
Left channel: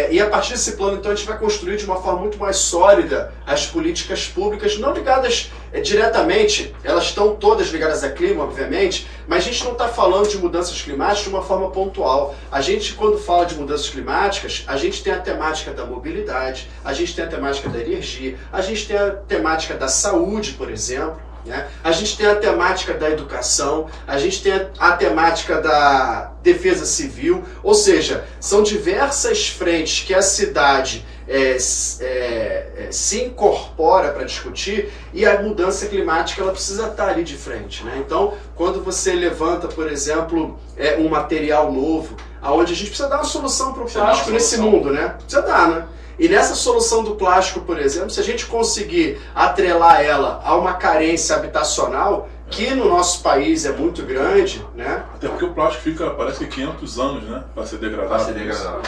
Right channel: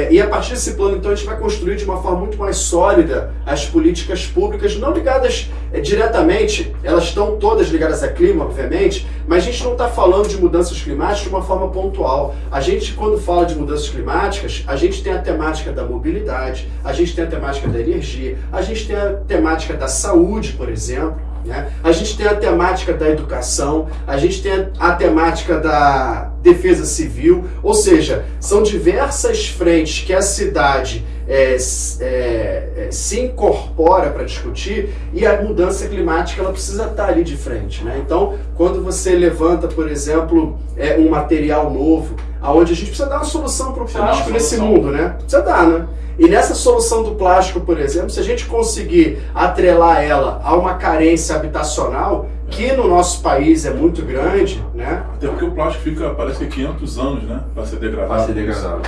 E a partir desse plano, então, a gente vai construir de uma forma muito mais sólida as políticas públicas, não ligadas diretamente, elas estão todas ligadas a clima, obviamente, mas a gente não está falando de mudanças climáticas de uma forma pontual. A gente, quando fala de mudanças climáticas, a gente tem a temática da mobilidade, a gente tem a temática da energia, a gente tem a temática da saúde, por exemplo, né? A gente tem a temática da educação, a gente tem a temática da defesa civil, ou seja, são diversas frentes que a cidade se incorpora para discutir, e a mudança climática ela precisa estar ali de frente, né? Então, quando você levanta, por exemplo, um material novo, aonde a gente precisa dar uma solução para o plástico nesse mundo, né? Precisa dar, né? E nessa solução do plástico, por exemplo, se a gente conseguir atrelar ela a uma carência habitacional, que no nosso país é muito grande, né? Até porque o plástico fica, parece que 500 anos, né? Para ser degradado. Para ser degradado.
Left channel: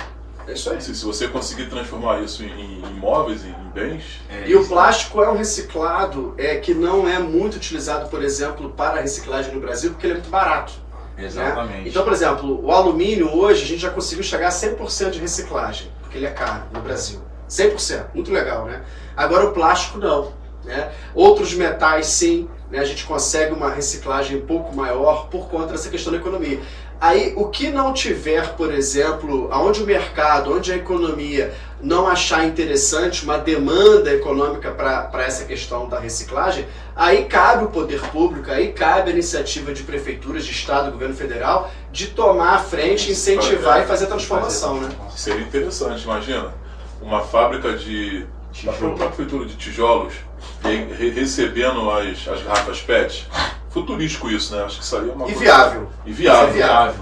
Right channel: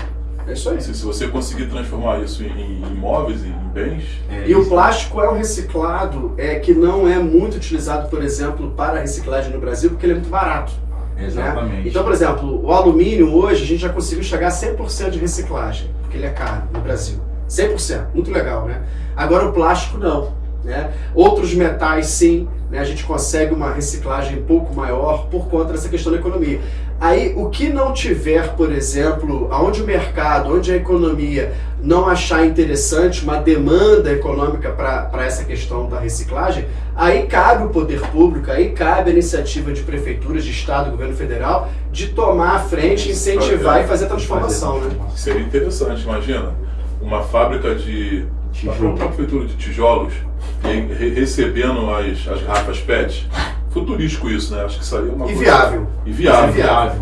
É isso aí. Se você conseguir transformar isso em imóveis e em bens... E o plástico é um reciclado que não é muito utilizado, por exemplo, para reciclagem no Brasil, porque ele é muito barato. Exatamente. Né? Então, por exemplo, o alumínio hoje a gente já conseguiu chegar a 100% de reciclagem, porque ele é caro no Brasil. 100%, muito legal, né? Agora o plástico não, né? Outros metais sim, né? A gente consegue uma reciclagem um pouco maior por conta dessa questão da economia. Aí, o que não tiver, por exemplo, aonde o mercado, onde a economia não achar interessante uma demanda econômica para essa questão da reciclagem, aí cabe o poder público, aí cabe a iniciativa de prefeituras, de estado, governo federal, de tomar a frente, incentivar e fazer a transformação, né? Seria interessante, imagina, uma fábrica de uma prefeitura de tijolos recebendo as garrafas PET. Futurístico isso, né? Acho que isso aí é uma coisa... Inviável.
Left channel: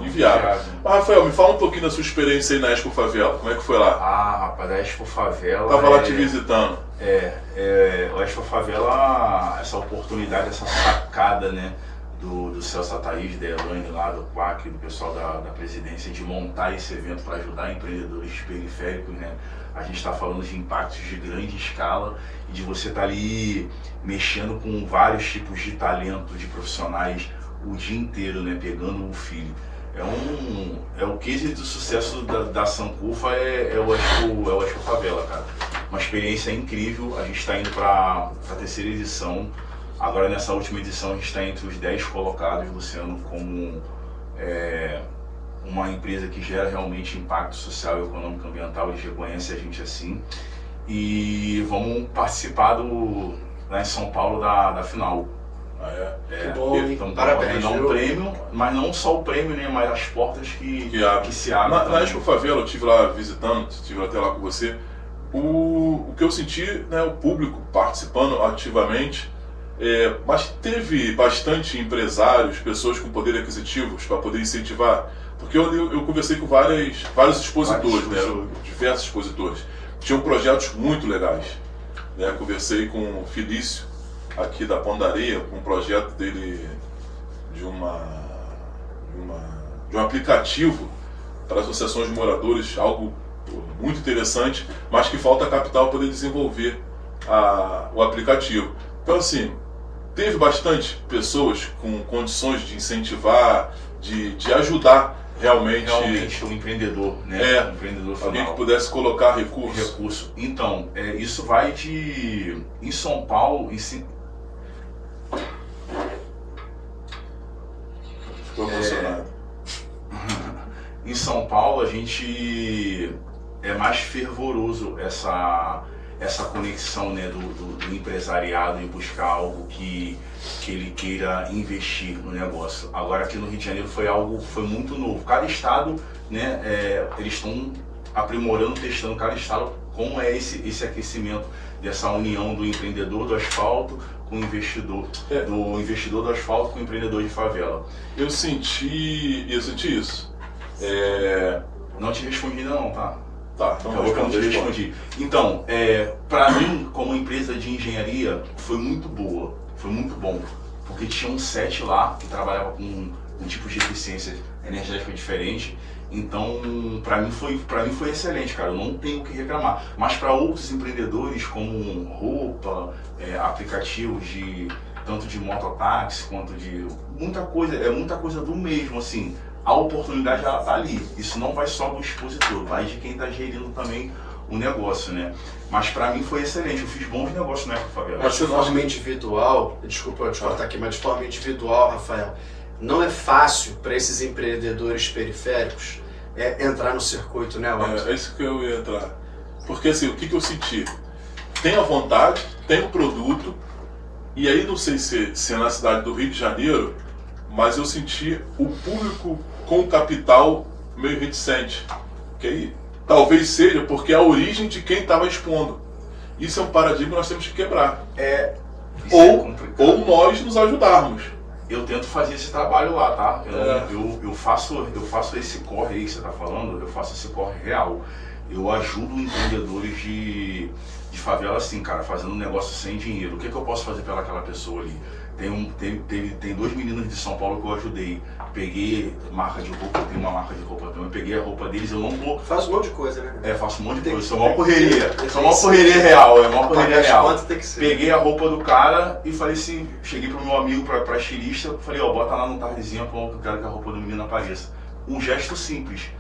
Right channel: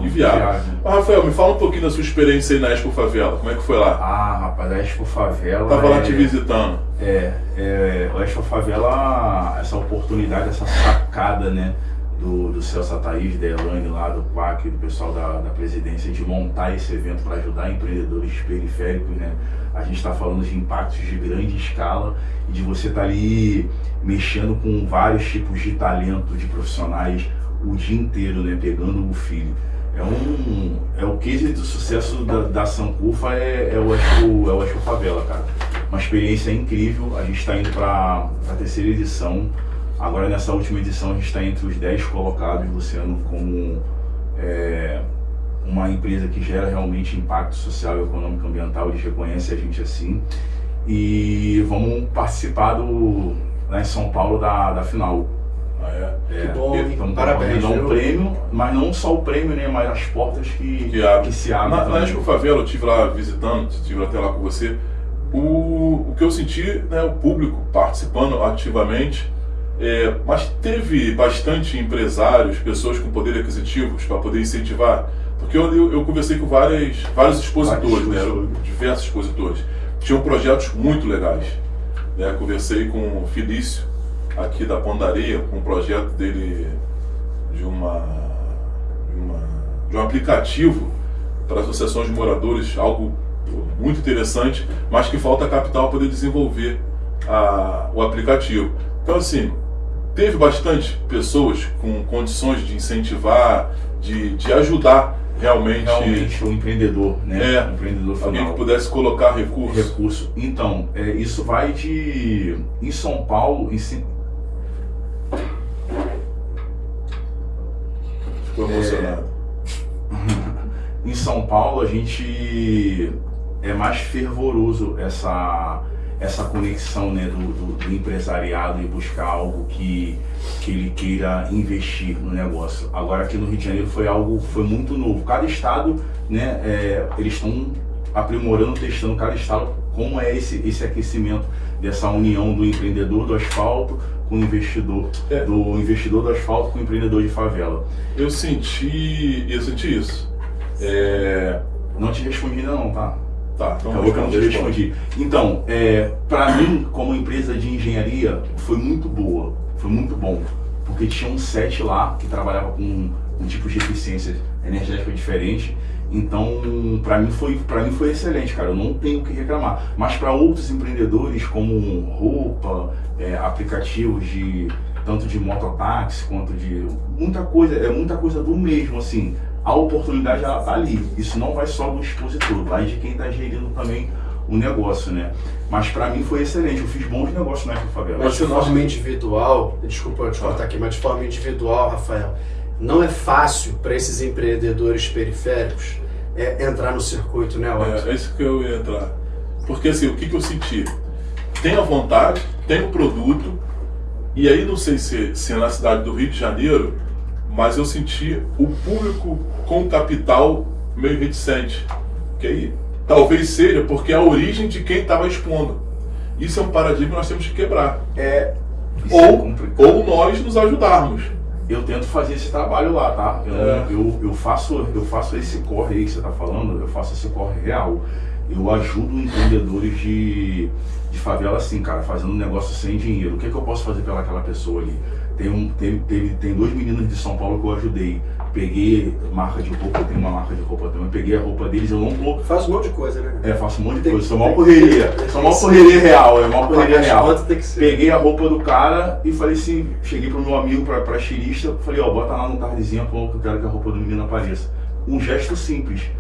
Inviável. Mas, Rafael, me fala um pouquinho da sua experiência aí na Expo Favela. Como é que foi lá? Ah, rapaz, a Expo Favela... Tava lá te visitando. A Expo Favela, essa oportunidade, essa sacada, né? Do Celso Thaís, da Elaine lá, do Quack, do pessoal da presidência, de montar esse evento para ajudar empreendedores periféricos, né? A gente está falando de impactos de grande escala e de você estar ali mexendo com vários tipos de talento, de profissionais o dia inteiro, né? Pegando o filho. O case do sucesso da Sankufa é o Expo Favela, cara. Uma experiência incrível. A gente está indo para a terceira edição. Agora, nessa última edição, a gente está entre os 10 colocados, Luciano, como uma empresa que gera realmente impacto social, econômico, ambiental. Eles reconhecem a gente assim. E vamos participar lá em São Paulo da final. Que bom, Então, parabéns. Dar um prêmio, mas não só o prêmio, né? Mas as portas que se abrem. Na Expo Favela, eu estive lá visitando, estive até lá com você. O que eu senti, né, o público participando ativamente, mas teve bastante empresários, pessoas com poder aquisitivos para poder incentivar. Porque eu conversei com vários expositores, né, diversos expositores. Tinham projetos muito legais. Né, conversei com o Felício, aqui da Pondaria, com um projeto dele de um aplicativo para associações de moradores, algo muito interessante, mas que falta capital para poder desenvolver o aplicativo. Então, assim, teve bastante pessoas com condições de incentivar, de ajudar realmente o empreendedor, né? O empreendedor final. Alguém que pudesse colocar recurso. Então, isso vai de... Em São Paulo... Ficou emocionado. Em São Paulo, a gente é mais fervoroso essa conexão, né, do empresariado e buscar algo que ele queira investir no negócio. Agora, aqui no Rio de Janeiro foi muito novo. Cada estado, né, eles estão aprimorando, testando cada estado como é esse aquecimento dessa união do empreendedor do asfalto com o investidor, do investidor do asfalto com o empreendedor de favela. Eu senti isso. Não te respondi ainda não, tá? Tá, então eu não te respondi. Então, para mim, como empresa de engenharia, foi muito boa, foi muito bom, porque tinha um set lá que trabalhava com um tipo de eficiência energética diferente. Então, para mim foi excelente, cara. Eu não tenho o que reclamar. Mas para outros empreendedores, como roupa, aplicativos tanto de mototáxi quanto de muita coisa do mesmo, assim. A oportunidade já está ali. Isso não vai só do expositor, vai de quem está gerindo também o negócio, né? Mas para mim foi excelente. Eu fiz bons negócios na Expo Favela. Mas de forma individual, desculpa eu te cortar aqui, mas de forma individual, Rafael, não é fácil para esses empreendedores periféricos entrar no circuito, né, Otto? É isso que eu ia entrar. Porque assim, o que eu senti? Tenho a vontade, tenho o produto, e aí não sei se é na cidade do Rio de Janeiro, mas eu senti o público com capital meio reticente. Que aí talvez seja porque é a origem de quem estava expondo. Isso é um paradigma que nós temos que quebrar. Ou nós nos ajudarmos. Eu tento fazer esse trabalho lá, tá? Eu faço esse corre aí que você está falando, eu faço esse corre real. Eu ajudo empreendedores de favela assim, cara, fazendo um negócio sem dinheiro. O que eu posso fazer pelaquela pessoa ali? Tem dois meninos de São Paulo que eu ajudei. Peguei marca de roupa, eu tenho uma marca de roupa também. Eu peguei a roupa deles, eu não tô. Faz um monte de coisa, né? Faço um monte de coisa. Sou uma correria. Sou uma correria real, uma correria real. Peguei a roupa do cara e falei assim, cheguei pro meu amigo, pra estilista, falei, bota lá no tardezinho, que eu quero que a roupa do menino apareça. Um gesto simples.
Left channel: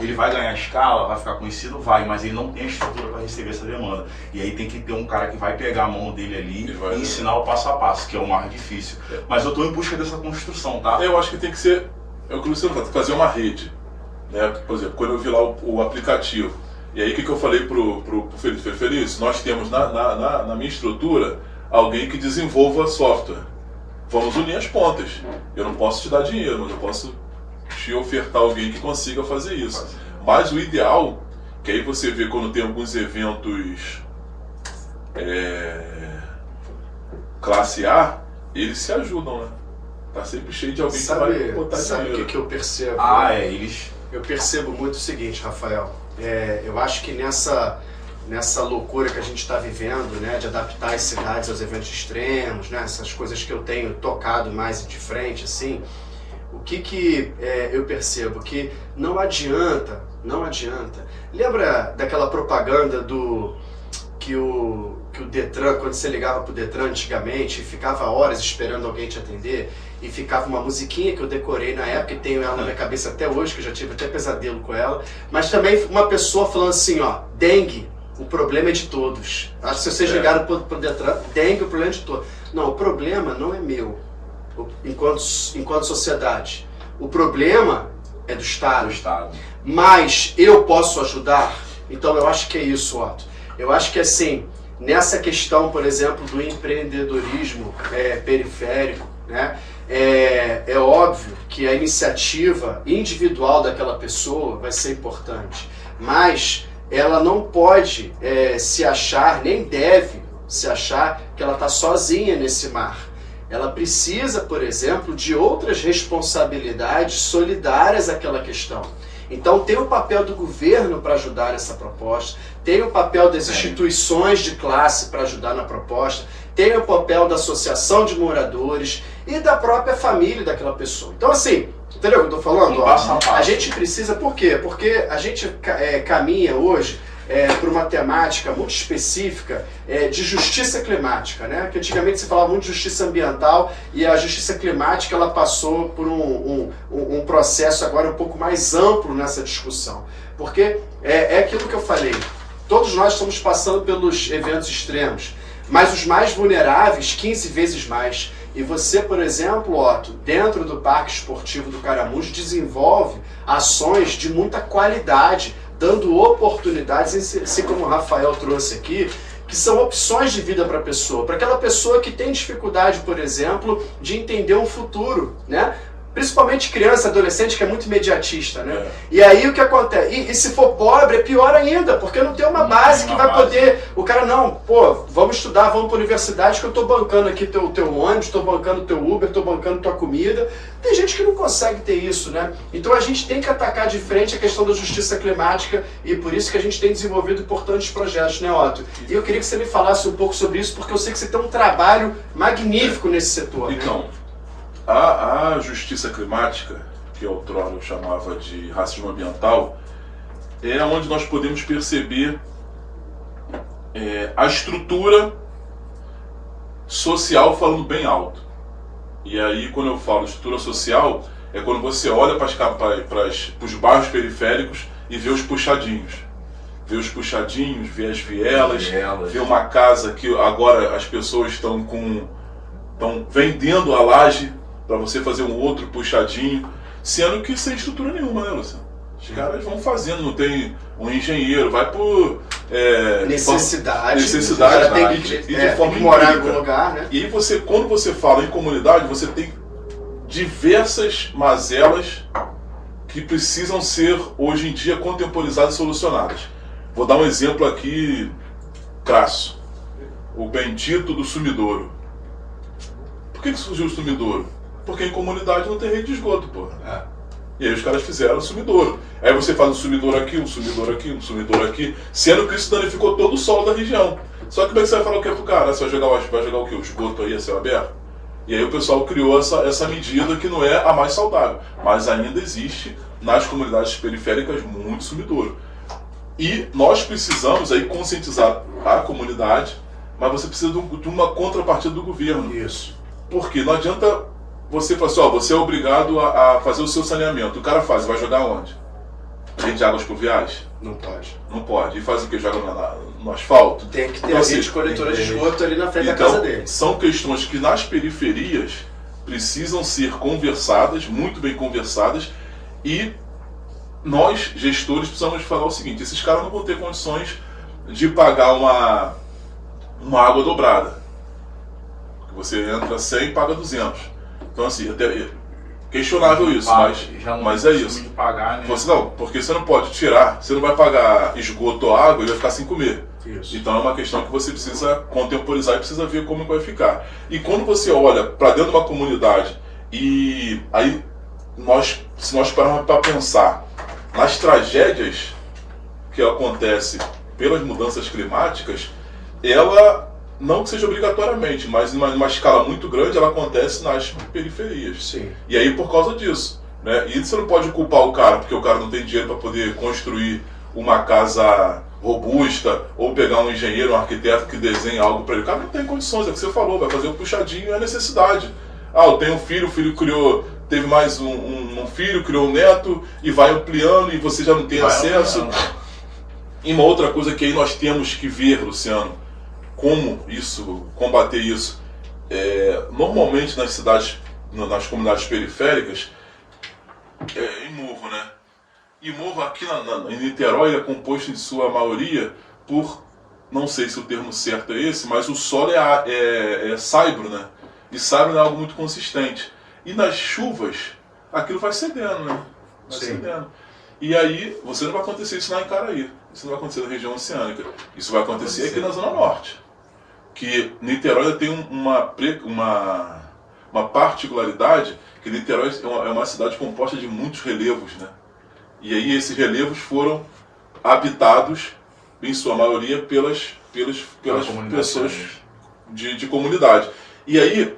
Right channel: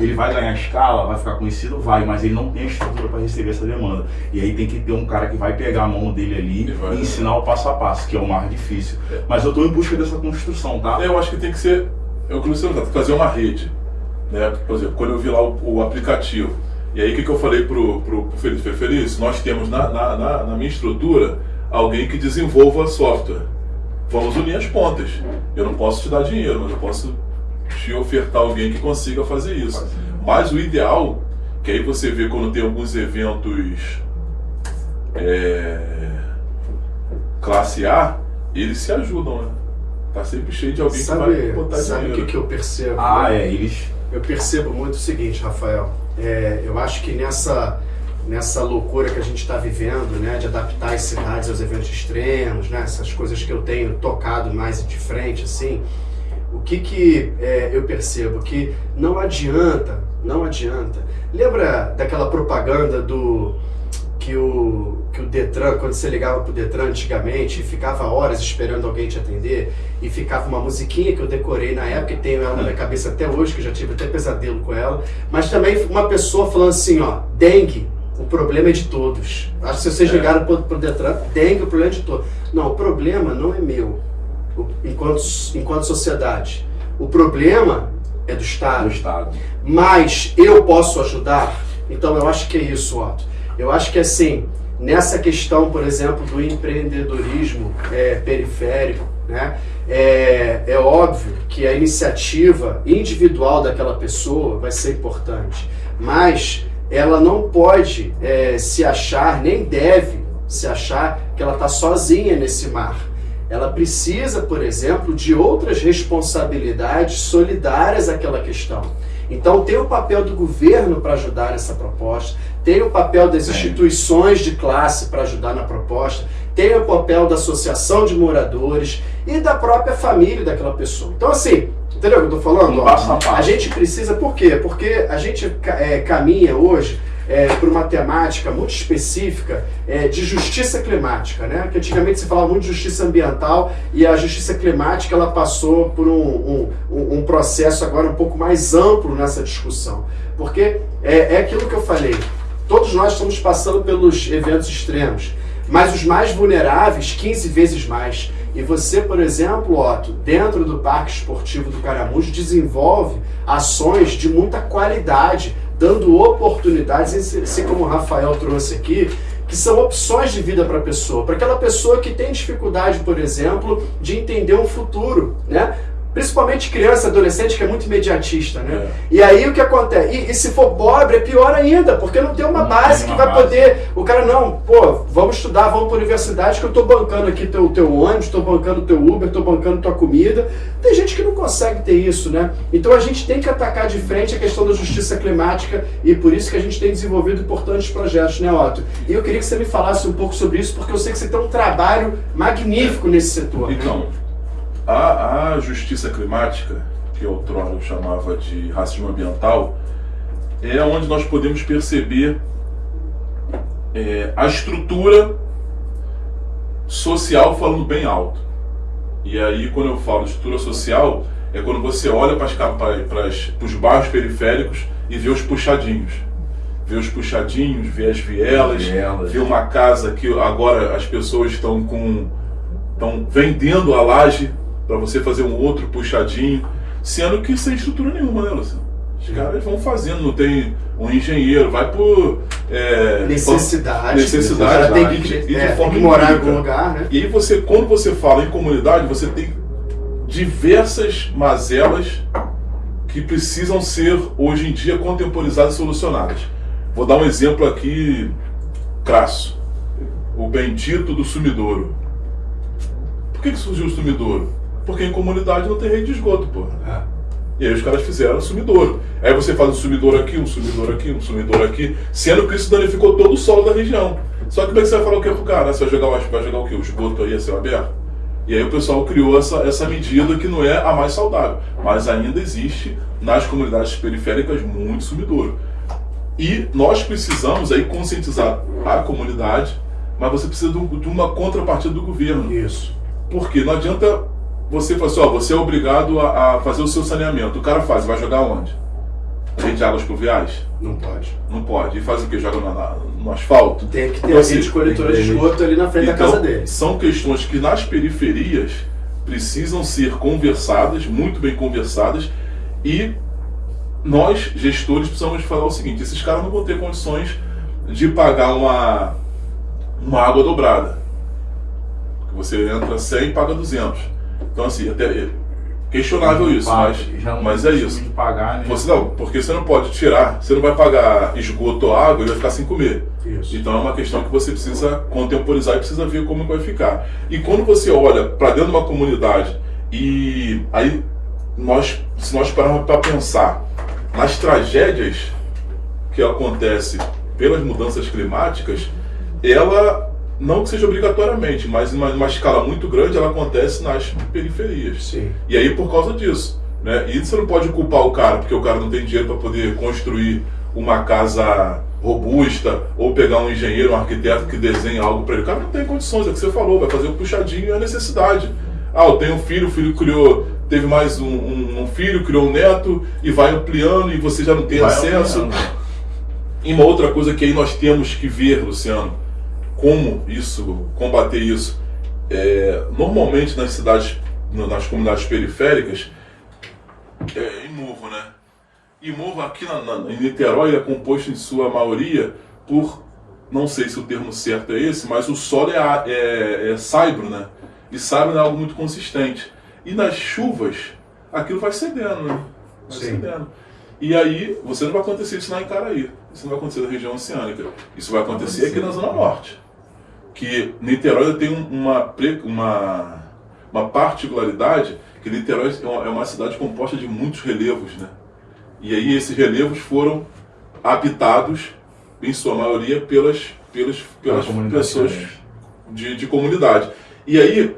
Ele vai ganhar escala, vai ficar conhecido? Vai, mas ele não tem a estrutura para receber essa demanda. E aí tem que ter um cara que vai pegar a mão dele ali e ensinar o passo a passo, que é o mais difícil. Mas eu estou em busca dessa construção, tá? Eu acho que tem que ser, eu comecei a fazer uma rede. Né? Por exemplo, quando eu vi lá o aplicativo, e aí o que eu falei pro Felício? Felício, nós temos na minha estrutura alguém que desenvolva software. Vamos unir as pontas. Eu não posso te dar dinheiro, mas eu posso te ofertar alguém que consiga fazer isso. Mas o ideal, que aí você vê quando tem alguns eventos classe A, eles se ajudam, né? Tá sempre cheio de alguém que vai botar dinheiro. Sabe o que eu percebo? Eu percebo muito o seguinte, Rafael. Eu acho que nessa loucura que a gente está vivendo, né, de adaptar as cidades aos eventos extremos, né, essas coisas que eu tenho tocado mais de frente, assim, o que eu percebo? Que não adianta. Lembra daquela propaganda que o Detran, quando você ligava pro Detran antigamente, ficava horas esperando alguém te atender e ficava uma musiquinha que eu decorei na época e tenho ela na minha cabeça até hoje, que eu já tive até pesadelo com ela, mas também uma pessoa falando assim, dengue, o problema é de todos. Acho que se vocês ligaram pro Detran, dengue, o problema é de todos. Não, o problema não é meu. Enquanto sociedade. O problema é do Estado. Mas eu posso ajudar? Então eu acho que é isso, Otto. Eu acho que assim, nessa questão, por exemplo, do empreendedorismo periférico, né? É óbvio que a iniciativa individual daquela pessoa vai ser importante, mas ela não pode se achar, nem deve se achar que ela está sozinha nesse mar. Ela precisa, por exemplo, de outras responsabilidades solidárias àquela questão. Então tem o papel do governo para ajudar essa proposta, tem o papel das instituições de classe para ajudar na proposta, tem o papel da associação de moradores e da própria família daquela pessoa. Então assim, entendeu o que eu estou falando? A gente precisa, por quê? Porque a gente caminha hoje para uma temática muito específica de justiça climática, né? Que antigamente se falava muito de justiça ambiental e a justiça climática ela passou por um processo agora um pouco mais amplo nessa discussão. Porque é aquilo que eu falei, todos nós estamos passando pelos eventos extremos, mas os mais vulneráveis 15 vezes mais. E você, por exemplo, Otto, dentro do Parque Esportivo do Caramujo, desenvolve ações de muita qualidade, dando oportunidades, assim como o Rafael trouxe aqui, que são opções de vida para a pessoa, para aquela pessoa que tem dificuldade, por exemplo, de entender um futuro, né? Principalmente criança, adolescente, que é muito imediatista, né? E aí o que acontece? E se for pobre, é pior ainda, porque não tem uma base que vai poder... O cara, não, pô, vamos estudar, vamos para a universidade, que eu estou bancando aqui teu ônibus, estou bancando teu Uber, estou bancando tua comida. Tem gente que não consegue ter isso, né? Então a gente tem que atacar de frente a questão da justiça climática e por isso que a gente tem desenvolvido importantes projetos, né, Otto? E eu queria que você me falasse um pouco sobre isso, porque eu sei que você tem um trabalho magnífico nesse setor. Então, a justiça climática, que outrora eu chamava de racismo ambiental, é onde nós podemos perceber a estrutura social falando bem alto. E aí, quando eu falo estrutura social, é quando você olha para os bairros periféricos e vê os puxadinhos. Vê os puxadinhos, vê as vielas, vê uma casa que agora as pessoas estão vendendo a laje para você fazer um outro puxadinho, sendo que sem estrutura nenhuma, né, Luciano? Os caras vão fazendo, não tem um engenheiro, vai por necessidade né? De forma morar em algum lugar, né? E aí quando você fala em comunidade, você tem diversas mazelas que precisam ser hoje em dia contemporizadas e solucionadas. Vou dar um exemplo aqui crasso. O bendito do sumidouro. Por que surgiu o sumidouro? Porque em comunidade não tem rede de esgoto, pô. E aí os caras fizeram o sumidouro. Aí você faz um sumidouro aqui, um sumidouro aqui, um sumidouro aqui, sendo que isso danificou todo o solo da região. Só que como é que você vai falar o que pro cara? Você vai jogar o quê? O esgoto aí a céu aberto? E aí o pessoal criou essa medida que não é a mais saudável. Mas ainda existe nas comunidades periféricas muito sumidouro. E nós precisamos aí conscientizar a comunidade, mas você precisa de uma contrapartida do governo. Isso. Porque não adianta você falar assim, você é obrigado a fazer o seu saneamento. O cara faz, vai jogar onde? Rede de águas pluviais? Não pode. Não pode. E faz o quê? Joga no asfalto? Tem que ter a rede coletora de esgoto ali na frente da casa dele. São questões que nas periferias precisam ser conversadas, muito bem conversadas, e nós, gestores, precisamos falar o seguinte, esses caras não vão ter condições de pagar uma água dobrada. Você entra 100 e paga 200. Então assim, até questionável isso, mas é isso. Que pagar, né? Você não, porque você não pode tirar, você não vai pagar esgoto ou água e vai ficar sem comer. Isso. Então é uma questão que você precisa contemporizar e precisa ver como vai ficar. E quando você olha para dentro de uma comunidade e aí se nós pararmos para pensar nas tragédias que acontecem pelas mudanças climáticas, ela não que seja obrigatoriamente, mas em uma escala muito grande ela acontece nas periferias. Sim. E aí por causa disso, né? E você não pode culpar o cara porque o cara não tem dinheiro para poder construir uma casa robusta ou pegar um engenheiro, um arquiteto que desenhe algo para ele. O cara não tem condições, é o que você falou, vai fazer um puxadinho e é necessidade. Eu tenho um filho, o filho teve mais um filho, criou um neto e vai ampliando e você já não tem acesso. E uma outra coisa que aí nós temos que ver, Luciano, como combater isso. Normalmente nas cidades, nas comunidades periféricas, imóvel, né? Imóvel aqui em Niterói é composto em sua maioria por não sei se o termo certo é esse, mas o solo é saibro, né? E saibro é algo muito consistente. E nas chuvas, aquilo vai cedendo, né? Vai cedendo. E aí, você não vai acontecer isso lá em Caraí. Isso não vai acontecer na região oceânica. Isso vai acontecer aqui na Zona Norte. Que Niterói tem uma particularidade, que Niterói é uma cidade composta de muitos relevos, né? E aí esses relevos foram habitados, em sua maioria, pelas pessoas de comunidade. E aí,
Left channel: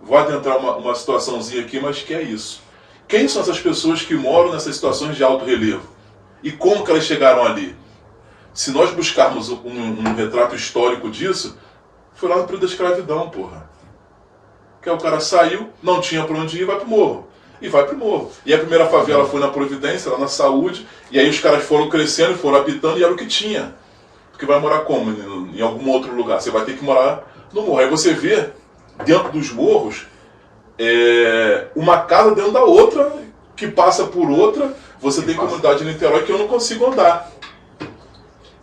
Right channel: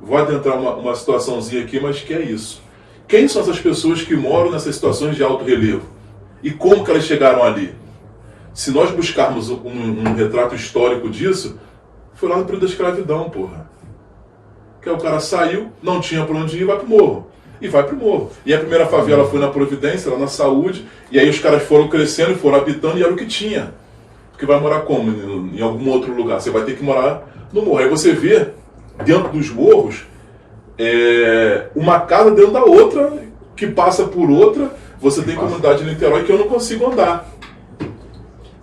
vou adentrar uma situaçãozinha aqui, mas que é isso. Quem são essas pessoas que moram nessas situações de alto relevo? E como que elas chegaram ali? Se nós buscarmos um retrato histórico disso, foi lá no período da escravidão, porra. Que aí o cara saiu, não tinha pra onde ir, vai pro morro. E vai pro morro. E a primeira favela foi na Providência, lá na Saúde, e aí os caras foram crescendo e foram habitando, e era o que tinha. Porque vai morar como? Em algum outro lugar. Você vai ter que morar no morro. Aí você vê, dentro dos morros, uma casa dentro da outra, que passa por outra. Você tem comunidade de Niterói que eu não consigo andar.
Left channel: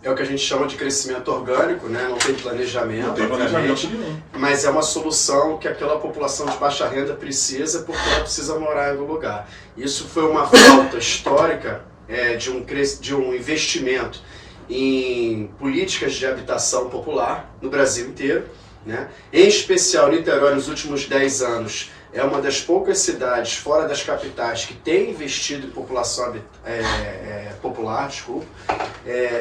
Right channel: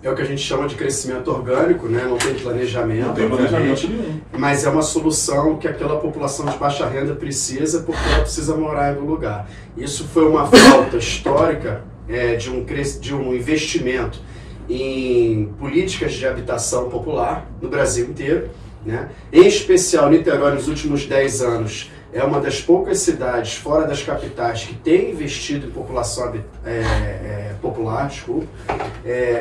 É o que a gente chama de crescimento orgânico, né? Não tem planejamento, Não tem planejamento nenhum. mas é uma solução que aquela população de baixa renda precisa, porque ela precisa morar em algum lugar. Isso foi uma falta histórica de um investimento em políticas de habitação popular no Brasil inteiro, né? Em especial, Niterói, nos últimos 10 anos, é uma das poucas cidades fora das capitais que tem investido em população popular, desculpa.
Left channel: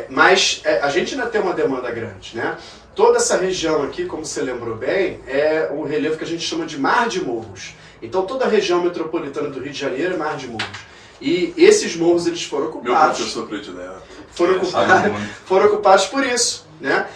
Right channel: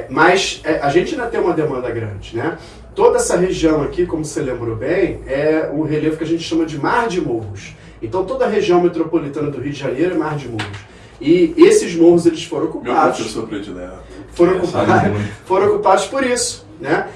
Mas a gente ainda tem uma demanda grande, né? Toda essa região aqui, como você lembrou bem, é um relevo que a gente chama de mar de morros. Então toda a região metropolitana do Rio de Janeiro é mar de morros. E esses morros eles foram ocupados. Meu professor predileto. Foram ocupados por isso, né?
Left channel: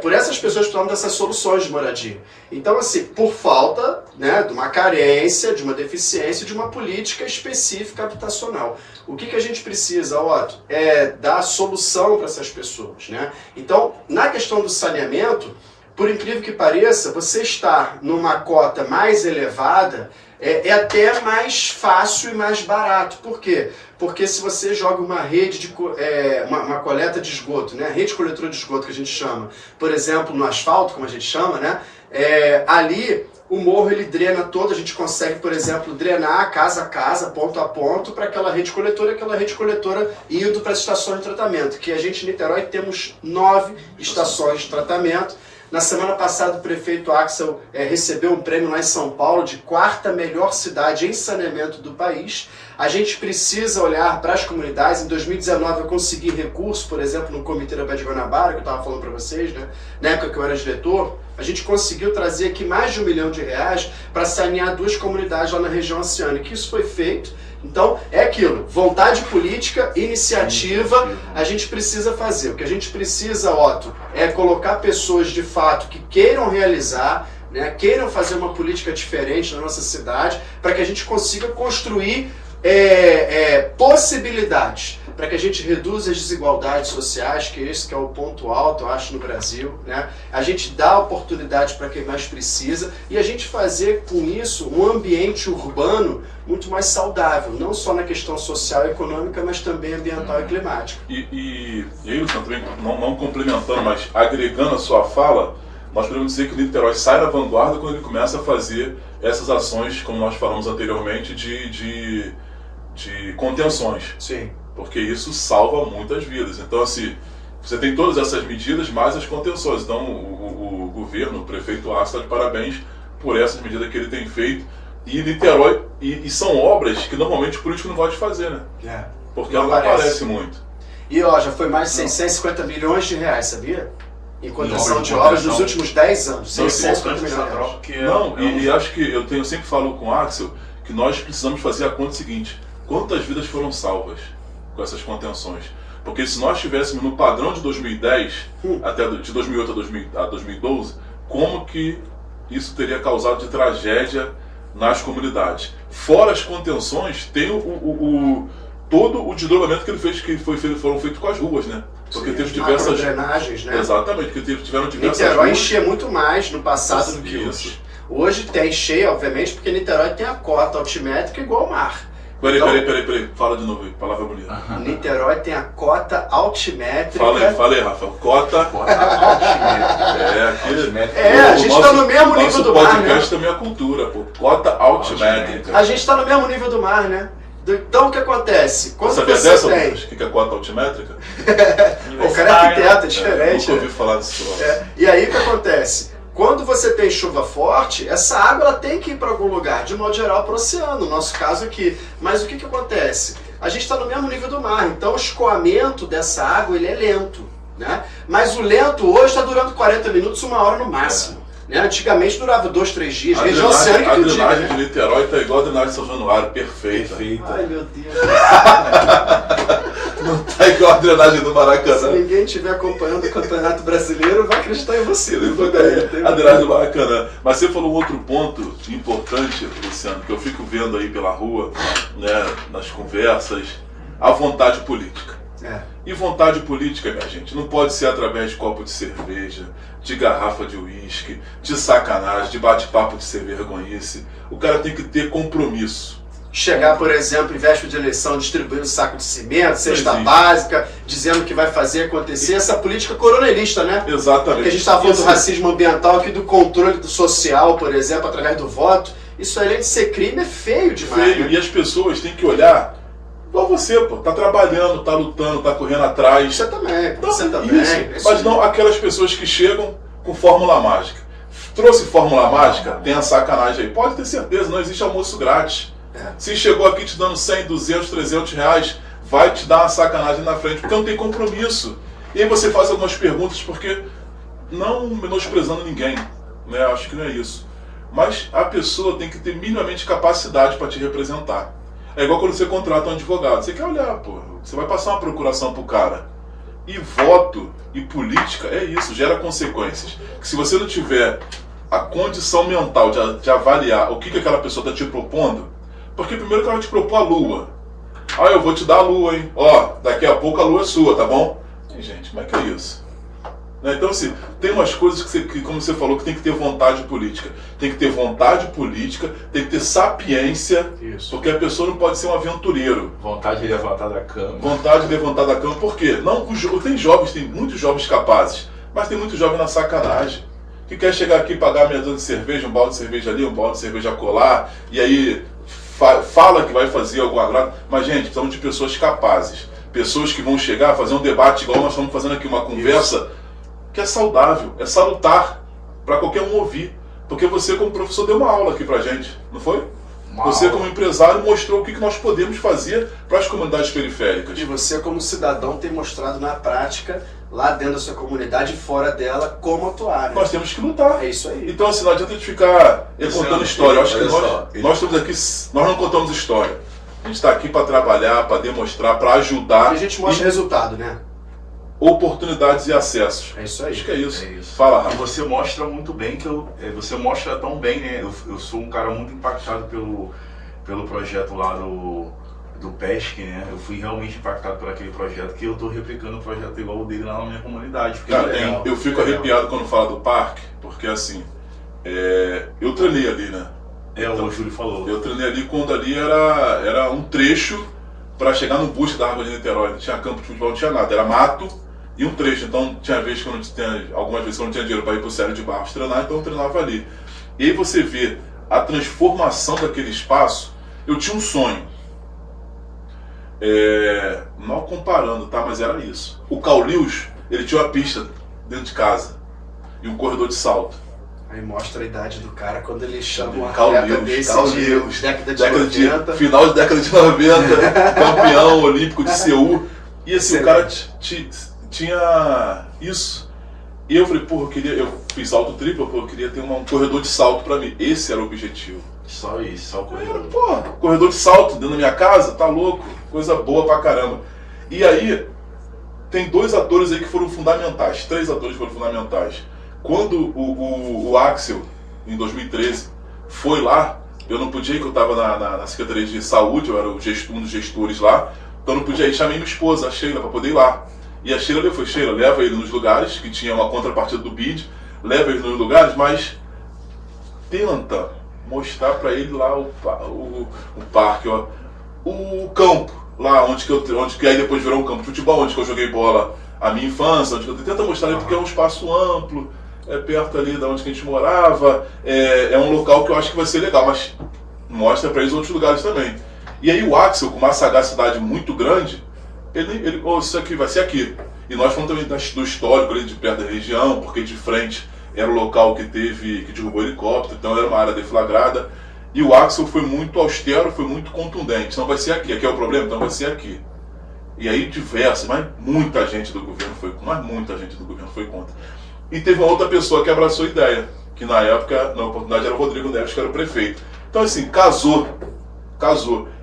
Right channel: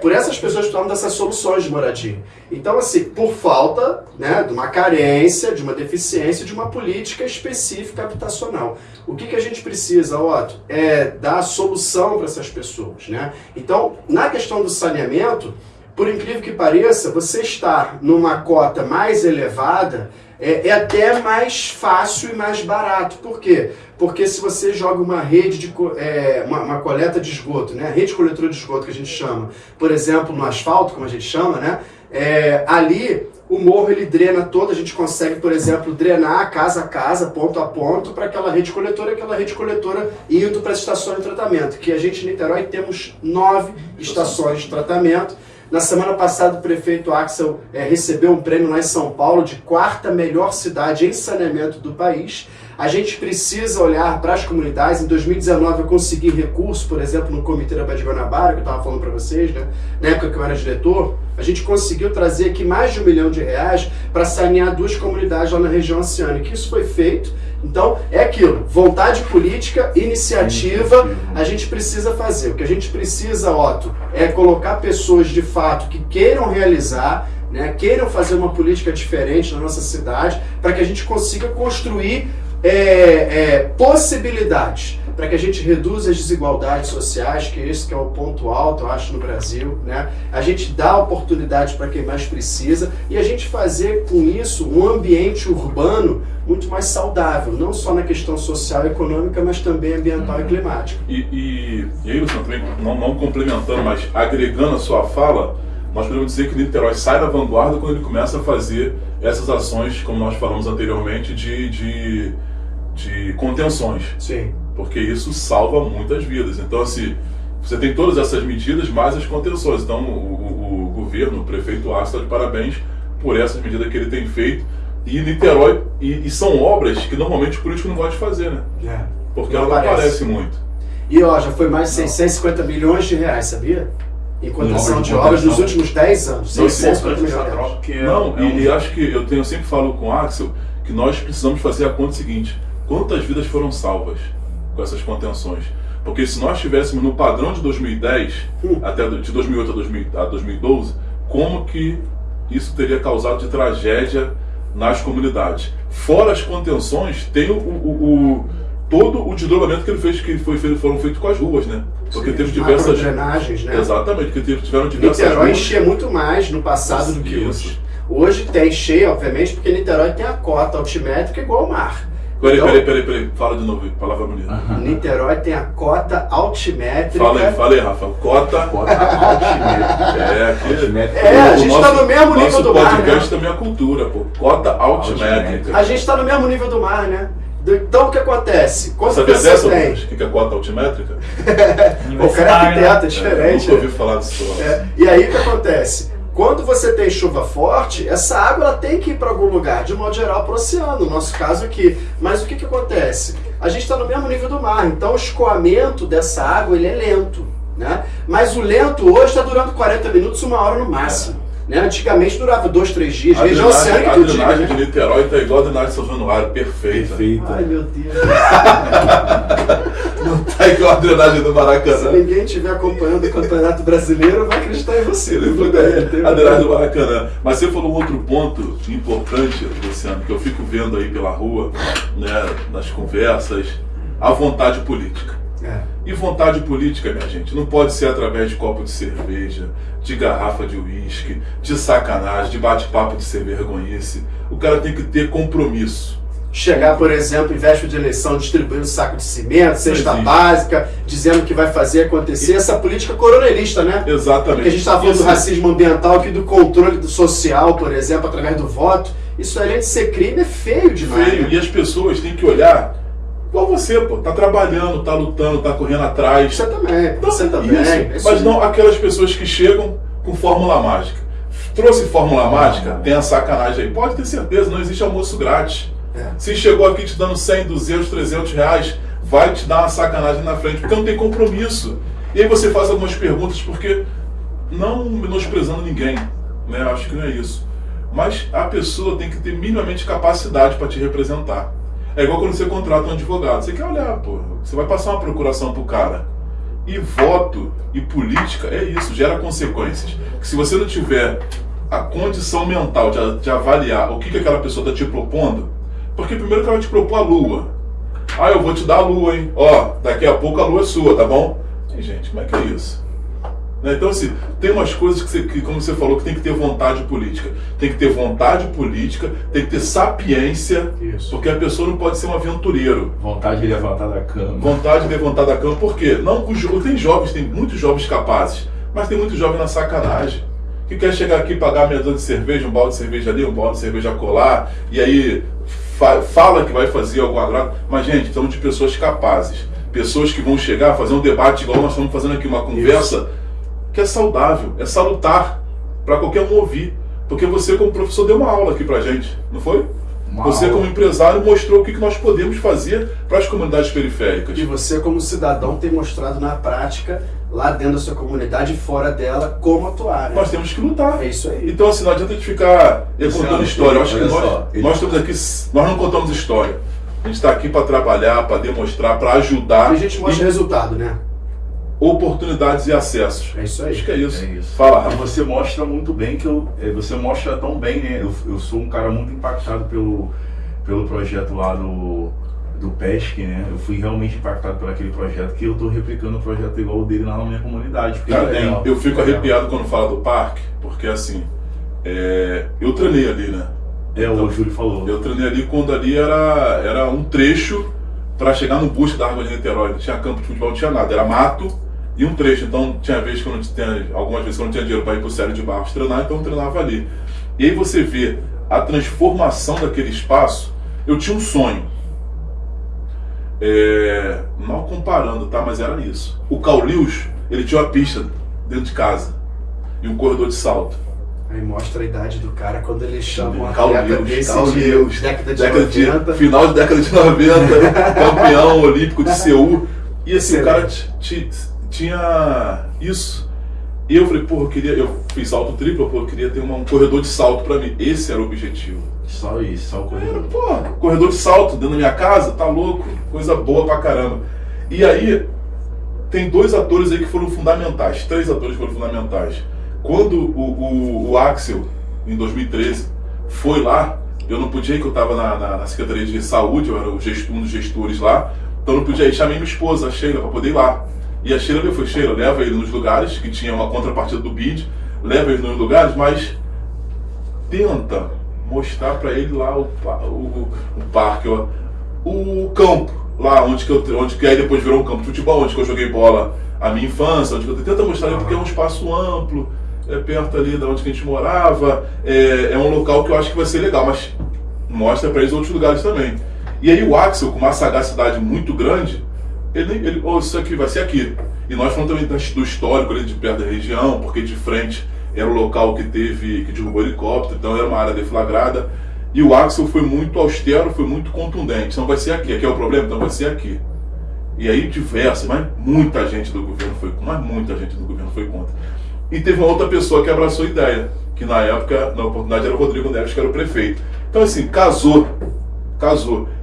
Por essas pessoas que precisam dessas soluções de moradia. Então, assim, por falta, né, de uma carência, de uma deficiência, de uma política específica habitacional. O que a gente precisa, Otto? É dar solução para essas pessoas, né? Então, na questão do saneamento, por incrível que pareça, você estar numa cota mais elevada é até mais fácil e mais barato. Por quê? Porque se você joga uma rede de uma coleta de esgoto, né, rede coletora de esgoto que a gente chama, por exemplo, no asfalto, como a gente chama, né, ali o morro ele drena todo, a gente consegue, por exemplo, drenar casa a casa, ponto a ponto, para aquela rede coletora indo para as estações de tratamento, que a gente em Niterói temos 9 estações de tratamento. Na semana passada, o prefeito Axel recebeu um prêmio lá em São Paulo de 4ª melhor cidade em saneamento do país. A gente precisa olhar para as comunidades. Em 2019, eu consegui recurso, por exemplo, no Comitê da Baía de Guanabara, que eu estava falando para vocês, né? Na época que eu era diretor, a gente conseguiu trazer aqui mais de R$1 milhão para sanear 2 comunidades lá na região oceânica. Isso foi feito. Então, é aquilo, vontade política, iniciativa, a gente precisa fazer. O que a gente precisa, Otto, é colocar pessoas de fato que queiram realizar, né, queiram fazer uma política diferente na nossa cidade, para que a gente consiga construir possibilidades, para que a gente reduza as desigualdades sociais, que esse que é o ponto alto, eu acho, no Brasil, né? A gente dá oportunidade para quem mais precisa e a gente fazer com isso um ambiente urbano muito mais saudável, não só na questão social e econômica, mas também ambiental e climática. E aí, Luciano, também, não complementando, mas agregando a sua fala, nós podemos dizer que o Niterói sai da vanguarda quando ele começa a fazer essas ações, como nós falamos anteriormente, de contenções. Sim. Porque isso salva muitas vidas. Então, assim, você tem todas essas medidas, mais as contenções. Então, o governo, o prefeito Axel, está de parabéns por essas medidas que ele tem feito. E Niterói, e são obras que normalmente o político não gosta de fazer, né? Porque ela não aparece muito. E ó, já foi mais de 650 milhões de reais, sabia? Em contenção de obras nos últimos 10 anos. 650 milhões de reais. Não, e acho que eu sempre falo com o Axel que nós precisamos fazer a conta seguinte: quantas vidas foram salvas com essas contenções? Porque se nós estivéssemos no padrão de 2010, até de 2008 a 2012, como que isso teria causado de tragédia nas comunidades? Fora as contenções, tem todo o desdobramento que ele fez, foram feitos com as ruas, né? Porque teve diversas drenagens, né? Exatamente, porque tiveram diversas Niterói ruas. enchia muito mais no passado do que hoje. Hoje tem cheio, obviamente, porque Niterói tem a cota altimétrica igual ao mar. Peraí. Fala de novo aí, palavra bonita. Niterói tem a cota altimétrica. Fala aí, Rafa. Cota altimétrica. A gente está no mesmo nível do mar, né? Nosso podcast também é cultura, pô. Cota altimétrica. A gente está no mesmo nível do mar, né? Então o que acontece? Quando Sabia você dessa, tem... O que é cota altimétrica? O cara é arquiteto, é diferente. Nunca ouvi falar disso. E aí o que acontece? Quando você tem chuva forte, essa água ela tem que ir para algum lugar, de modo geral para o oceano, no nosso caso aqui. Mas o que acontece? A gente está no mesmo nível do mar, então o escoamento dessa água ele é lento, né? Mas o lento hoje está durando 40 minutos, 1 hora no máximo. Né? Antigamente durava 2, 3 dias, região oceânica do dia. A drenagem de Niterói está igual a drenagem de São Januário, perfeita. Ai meu Deus. Não tá igual a drenagem do Maracanã. Se ninguém estiver acompanhando o Campeonato Brasileiro, vai acreditar em você. A drenagem do Maracanã. Mas você falou um outro ponto importante, Luciano, que eu fico vendo aí pela rua, né, nas conversas, a vontade política. E vontade política, minha gente, não pode ser através de copo de cerveja, de garrafa de uísque, de sacanagem, de bate-papo de ser vergonhice. O cara tem que ter compromisso. Chegar, por exemplo, em véspera de eleição, distribuindo saco de cimento, cesta básica, dizendo que vai fazer acontecer. Essa política coronelista, né? Exatamente. Porque a gente estava falando do racismo ambiental aqui, do controle do social, por exemplo, através do voto. Isso, além de ser crime, é feio demais. Feio. Né? E as pessoas têm que olhar igual você, pô. Tá trabalhando, tá lutando, tá correndo atrás. Você também, então, você também. Isso. Mas não aquelas pessoas que chegam com fórmula mágica. Trouxe fórmula mágica, tem a sacanagem aí. Pode ter certeza, não existe almoço grátis. Se chegou aqui te dando 100, 200, 300 reais, vai te dar uma sacanagem na frente, porque não tem compromisso. E aí você faz algumas perguntas, porque não menosprezando ninguém, né? Acho que não é isso. Mas a pessoa tem que ter minimamente capacidade para te representar. É igual quando você contrata um advogado. Você quer olhar, pô, você vai passar uma procuração pro cara. E voto e política é isso, gera consequências. Que se você não tiver a condição mental de avaliar o que aquela pessoa está te propondo, porque primeiro que ela vai te propor a lua. Ah, eu vou te dar a lua, hein? Ó, daqui a pouco a lua é sua, tá bom? E, gente, como é que é isso? Então, assim, tem umas coisas que, como você falou, que tem que ter vontade política. Tem que ter vontade política, tem que ter sapiência, isso. Porque a pessoa não pode ser um aventureiro. Vontade de levantar da cama. Vontade de levantar da cama, por quê? Não, tem muitos jovens capazes, mas tem muitos jovens na sacanagem. Que quer chegar aqui e pagar meia dúzia de cerveja, um balde de cerveja ali, um balde de cerveja colar, e aí fala que vai fazer algum agrado. Mas, gente, estamos de pessoas capazes. Pessoas que vão chegar, fazer um debate igual nós estamos fazendo aqui, uma conversa isso. Que é saudável, é salutar, para qualquer um ouvir. Porque você, como professor, deu uma aula aqui pra gente, não foi? Você, como empresário, mostrou o que nós podemos fazer para as comunidades periféricas. E você, como cidadão, tem mostrado na prática, lá dentro da sua comunidade e fora dela, como atuar. Né? Nós temos que lutar. É isso aí. Então, assim, não adianta a gente ficar contando história. Eu acho que nós estamos aqui, nós não contamos história. A gente está aqui para trabalhar, para demonstrar, para ajudar. E a gente mostra resultado, né? Oportunidades e acessos. É isso aí. Acho que é isso. É isso. Fala, Rafa. Você mostra muito bem você mostra tão bem, né? Eu sou um cara muito impactado pelo projeto lá do PESC, né? Eu fui realmente impactado por aquele projeto, que eu estou replicando o projeto igual o dele lá na minha comunidade. Cara, eu fico arrepiado quando fala do parque, porque assim, eu treinei ali, né? Então, o Júlio falou. Eu treinei ali quando ali era um trecho para chegar no busto da Água de Niterói. Não tinha campo de futebol, não tinha nada, era mato e um trecho. Então tinha vezes que algumas vezes eu não tinha dinheiro para ir pro Célio de Barros treinar, então eu treinava ali. E aí você vê a transformação daquele espaço. Eu tinha um sonho. Não comparando, tá? Mas era isso. O Caulius, ele tinha uma pista dentro de casa e um corredor de salto. Aí mostra a idade do cara quando ele chama um Caulius, atleta desse década de 90. Final de década de 90, campeão olímpico de Seul. E assim, o cara tinha isso. E eu falei, porra, eu fiz salto triplo, eu queria ter um corredor de salto pra mim. Esse era o objetivo. Só isso, só o corredor. Porra, corredor de salto dentro da minha casa, tá louco? Coisa boa pra caramba. E aí, tem 2 atores aí que foram fundamentais, 3 atores foram fundamentais. Quando o Axel, em 2013, foi lá, eu não podia ir, que eu estava na Secretaria de Saúde, eu era um dos gestores lá, então eu não podia ir. Chamei minha esposa, a Sheila, para poder ir lá. E a Sheila, Sheila, leva ele nos lugares, que tinha uma contrapartida do BID, leva ele nos lugares, mas tenta mostrar para ele lá o parque, ó. o campo, lá onde que aí depois virou um campo de futebol, onde que eu joguei bola a minha infância, onde que eu tento mostrar ali porque é um espaço amplo, perto ali de onde que a gente morava, é um local que eu acho que vai ser legal, mas mostra para eles outros lugares também. E aí o Axel, com uma sagacidade muito grande, ele isso aqui vai ser aqui. E nós falamos também do histórico ali de perto da região, porque de frente era o local que derrubou helicóptero, então era uma área deflagrada. E o Axel foi muito austero, foi muito contundente. Não vai ser aqui, aqui é o problema, então vai ser aqui. E aí mas muita gente do governo foi contra. E teve uma outra pessoa que abraçou a ideia, que na época, na oportunidade, era o Rodrigo Neves, que era o prefeito. Então assim, casou.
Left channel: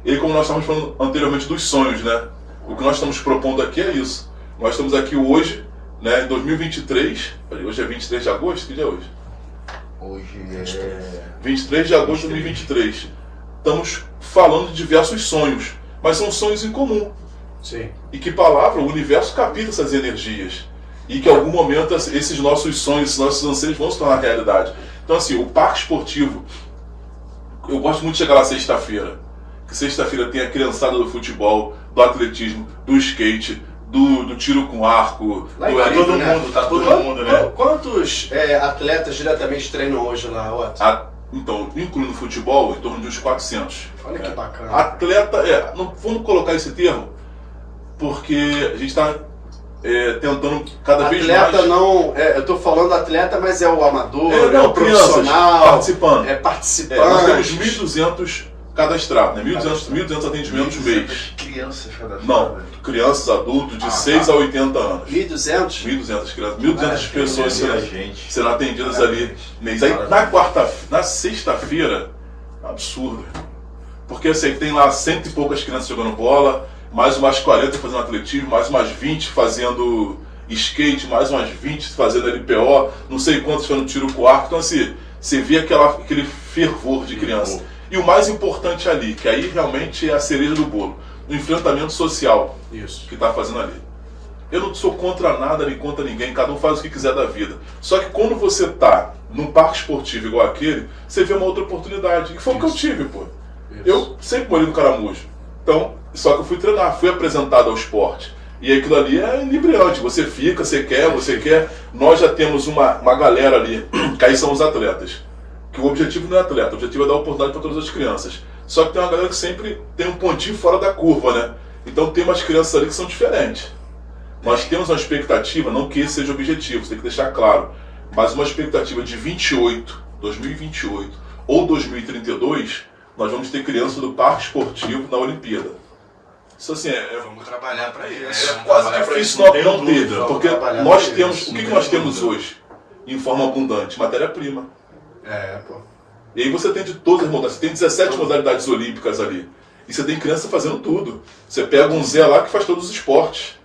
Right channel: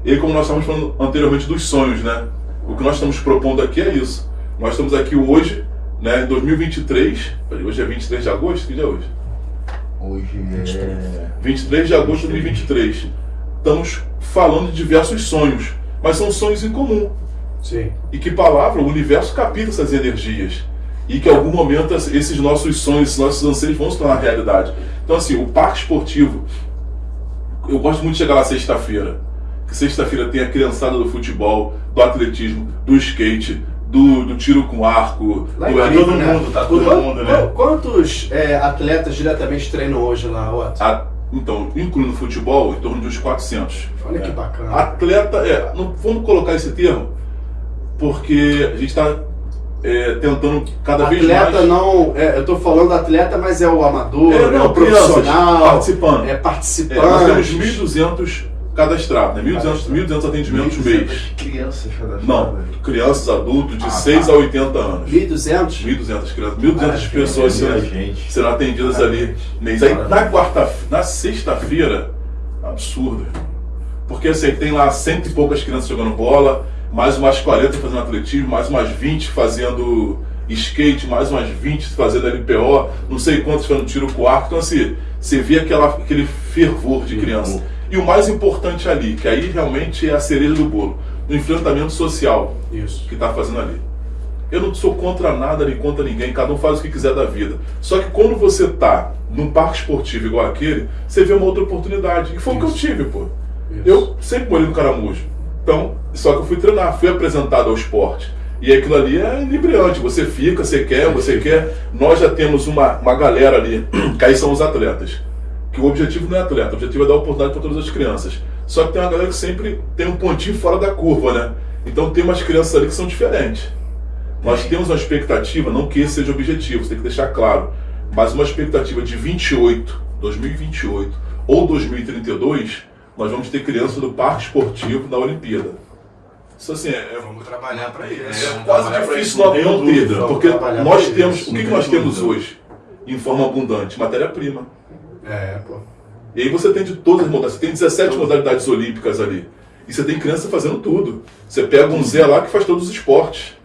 E aí, como nós estávamos falando anteriormente dos sonhos, né? O que nós estamos propondo aqui é isso. Nós estamos aqui hoje, né, em 2023, hoje é 23 de agosto, que dia é hoje? Hoje é 23 de agosto de 2023. Estamos falando de diversos sonhos, mas são sonhos em comum. Sim. E que palavra, o universo capta essas energias. E que em algum momento esses nossos sonhos, esses nossos anseios vão se tornar realidade. Então assim, o parque esportivo, eu gosto muito de chegar lá sexta-feira. Que sexta-feira tem a criançada do futebol, do atletismo, do skate, do tiro com arco, todo mundo, né? Quantos atletas diretamente treinam hoje lá, Otto? Então, incluindo o futebol, em torno de uns 400. Olha que bacana. Atleta, vamos colocar esse termo, porque a gente está tentando cada vez mais... Atleta não, eu estou falando atleta, mas é o amador, o profissional, participante. Nós temos 1.200 cadastrados, né? 1.200 atendimentos mês. Crianças cadastradas? Não, crianças, adultos de 6 a 80 anos. 1.200? 1.200 crianças, 1.200 pessoas serão atendidas ali. Aí, na sexta-feira, absurdo. Porque assim, tem lá 100 e poucas crianças jogando bola, mais umas 40 fazendo atletismo, mais umas 20 fazendo skate, mais umas 20 fazendo LPO, não sei quantos fazendo tiro com arco. Então assim, você vê aquele fervor de criança. E o mais importante ali, que aí realmente é a cereja do bolo, o enfrentamento social que está fazendo ali. Eu não sou contra nada nem contra ninguém, cada um faz o que quiser da vida. Só que quando você está num parque esportivo igual aquele, você vê uma outra oportunidade. E foi o que eu tive, pô. Eu sempre morei no Caramujo. Então, só que eu fui treinar, fui apresentado ao esporte. E aquilo ali é inebriante, você fica, você quer. Nós já temos uma galera ali, que aí são os atletas. Que o objetivo não é atleta, o objetivo é dar oportunidade para todas as crianças. Só que tem uma galera que sempre tem um pontinho fora da curva, né? Então tem umas crianças ali que são diferentes. Nós temos uma expectativa, não que esse seja o objetivo, você tem que deixar claro, mas uma expectativa de 2028 ou 2032, nós vamos ter crianças do parque esportivo na Olimpíada. Isso assim, vamos trabalhar para isso. É quase difícil não ter, porque nós temos, o que nós temos hoje, em forma abundante? Matéria-prima. Pô. E aí você tem de todas as modalidades, você tem 17 modalidades olímpicas ali. E você tem criança fazendo tudo. Você pega um Zé lá que faz todos os esportes.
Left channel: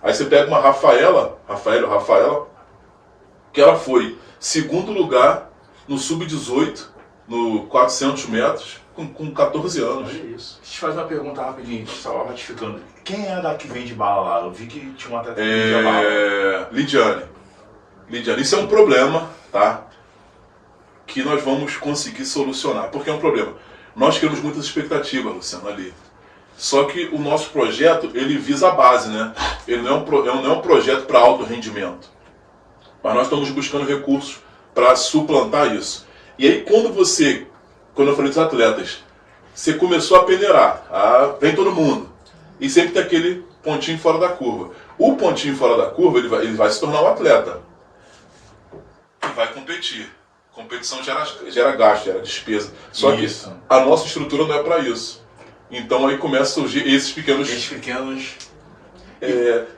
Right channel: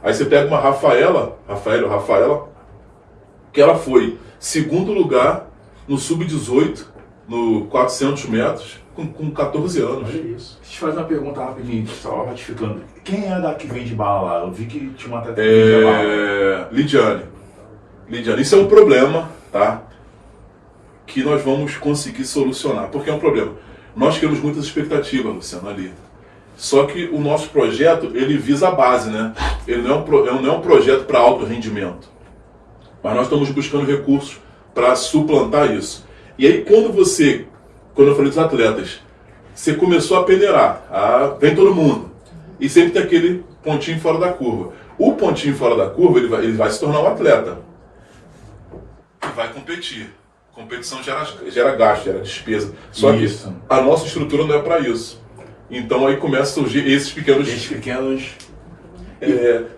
Aí você pega uma Rafaela, que ela foi segundo lugar no Sub-18, no 400 metros, com 14 anos. Olha isso. Deixa eu te fazer uma pergunta rapidinho, só ratificando. Quem é da que vende bala lá? Eu vi que tinha uma atleta que vendia bala. Lidiane, isso é um problema, tá? Que nós vamos conseguir solucionar, porque é um problema. Nós temos muitas expectativas, Luciano, ali. Só que o nosso projeto, ele visa a base, né? Ele não é um projeto para alto rendimento. Mas nós estamos buscando recursos para suplantar isso. E aí, quando eu falei dos atletas, você começou a peneirar, vem todo mundo. E sempre tem aquele pontinho fora da curva. O pontinho fora da curva, ele vai se tornar um atleta. E vai competir. Competição gera gasto, gera despesa. Só que a nossa estrutura não é para isso. Então aí começam a surgir esses pequenos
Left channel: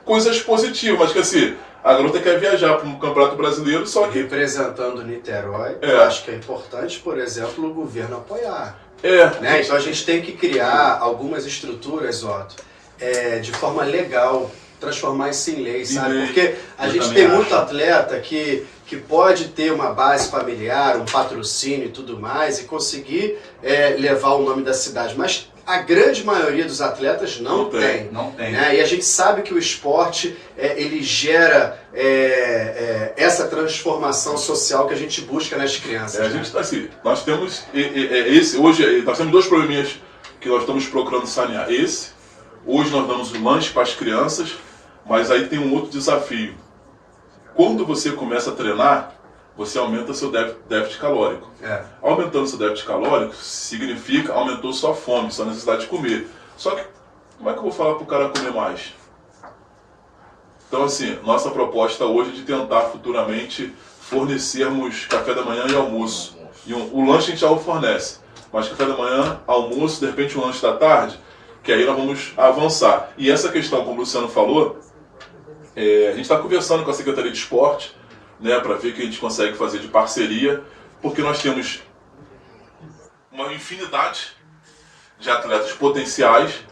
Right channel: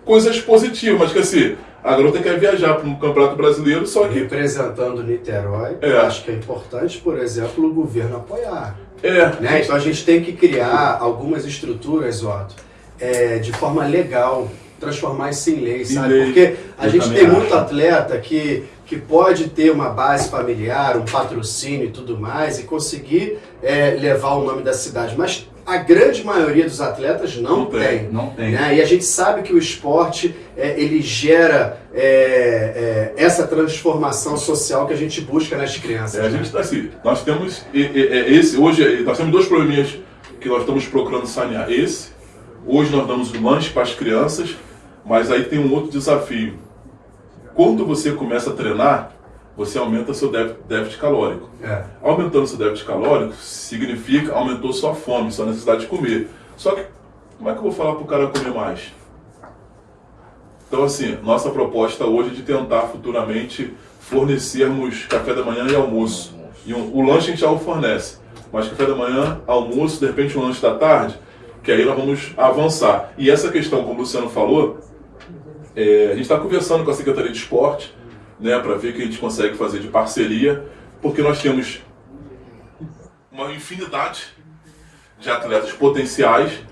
coisas positivas, mas que assim, a garota quer viajar para um campeonato brasileiro, só que... Representando Niterói, acho que é importante, por exemplo, o governo apoiar. Né? Então a gente tem que criar algumas estruturas, Otto, de forma legal, transformar isso em lei, sabe? Porque a gente tem muito atleta que pode ter uma base familiar, um patrocínio e tudo mais, e conseguir levar o nome da cidade, mas a grande maioria dos atletas não tem. Né? E a gente sabe que o esporte ele gera essa transformação social que a gente busca nas crianças. Nós temos hoje nós temos dois probleminhas que nós estamos procurando sanear. Hoje nós damos um lanche para as crianças, mas aí tem um outro desafio. Quando você começa a treinar, você aumenta seu déficit calórico. Aumentando seu déficit calórico significa aumentou sua fome, sua necessidade de comer. Só que, como é que eu vou falar para o cara comer mais? Então, assim, nossa proposta hoje é de tentar futuramente fornecermos café da manhã e almoço. E o lanche a gente já o fornece, mas café da manhã, almoço, de repente um lanche da tarde, que aí nós vamos avançar. E essa questão, como o Luciano falou, a gente está conversando com a Secretaria de Esporte, né, para ver o que a gente consegue fazer de parceria, porque nós temos uma infinidade de atletas potenciais,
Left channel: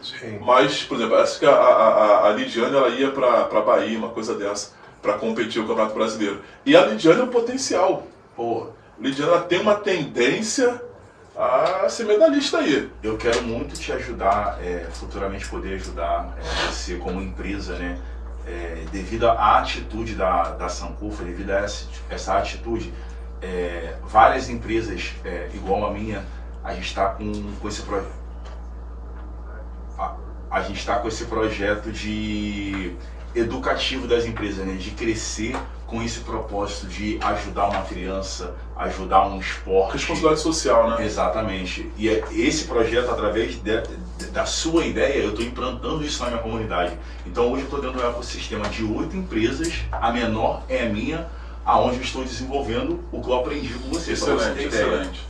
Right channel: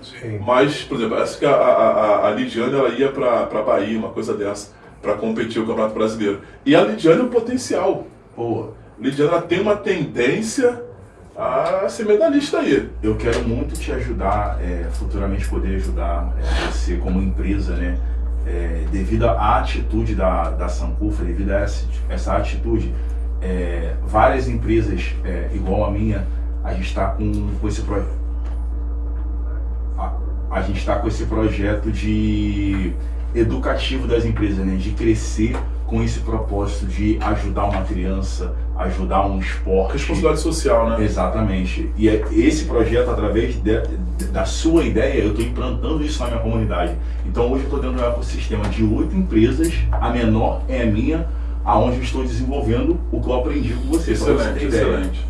mas, por exemplo, acho que a Lidiane ela ia para Bahia, uma coisa dessa, para competir o Campeonato Brasileiro. E a Lidiane é um potencial. Pô, a Lidiane ela tem uma tendência a ser medalhista aí. Eu quero muito te ajudar, futuramente poder ajudar você como empresa, né? Devido à atitude da Sankofa, devido a essa atitude, várias empresas igual a minha, a gente está com esse projeto. A gente está com esse projeto de educativo das empresas, né? De crescer com esse propósito de ajudar uma criança, ajudar um esporte. Responsabilidade social, né? Exatamente. E esse projeto, através da sua ideia, eu estou implantando isso na minha comunidade. Então hoje eu estou dentro de um ecossistema de 8 empresas, a menor é a minha, aonde eu estou desenvolvendo o que eu aprendi com você. Excelente, excelente.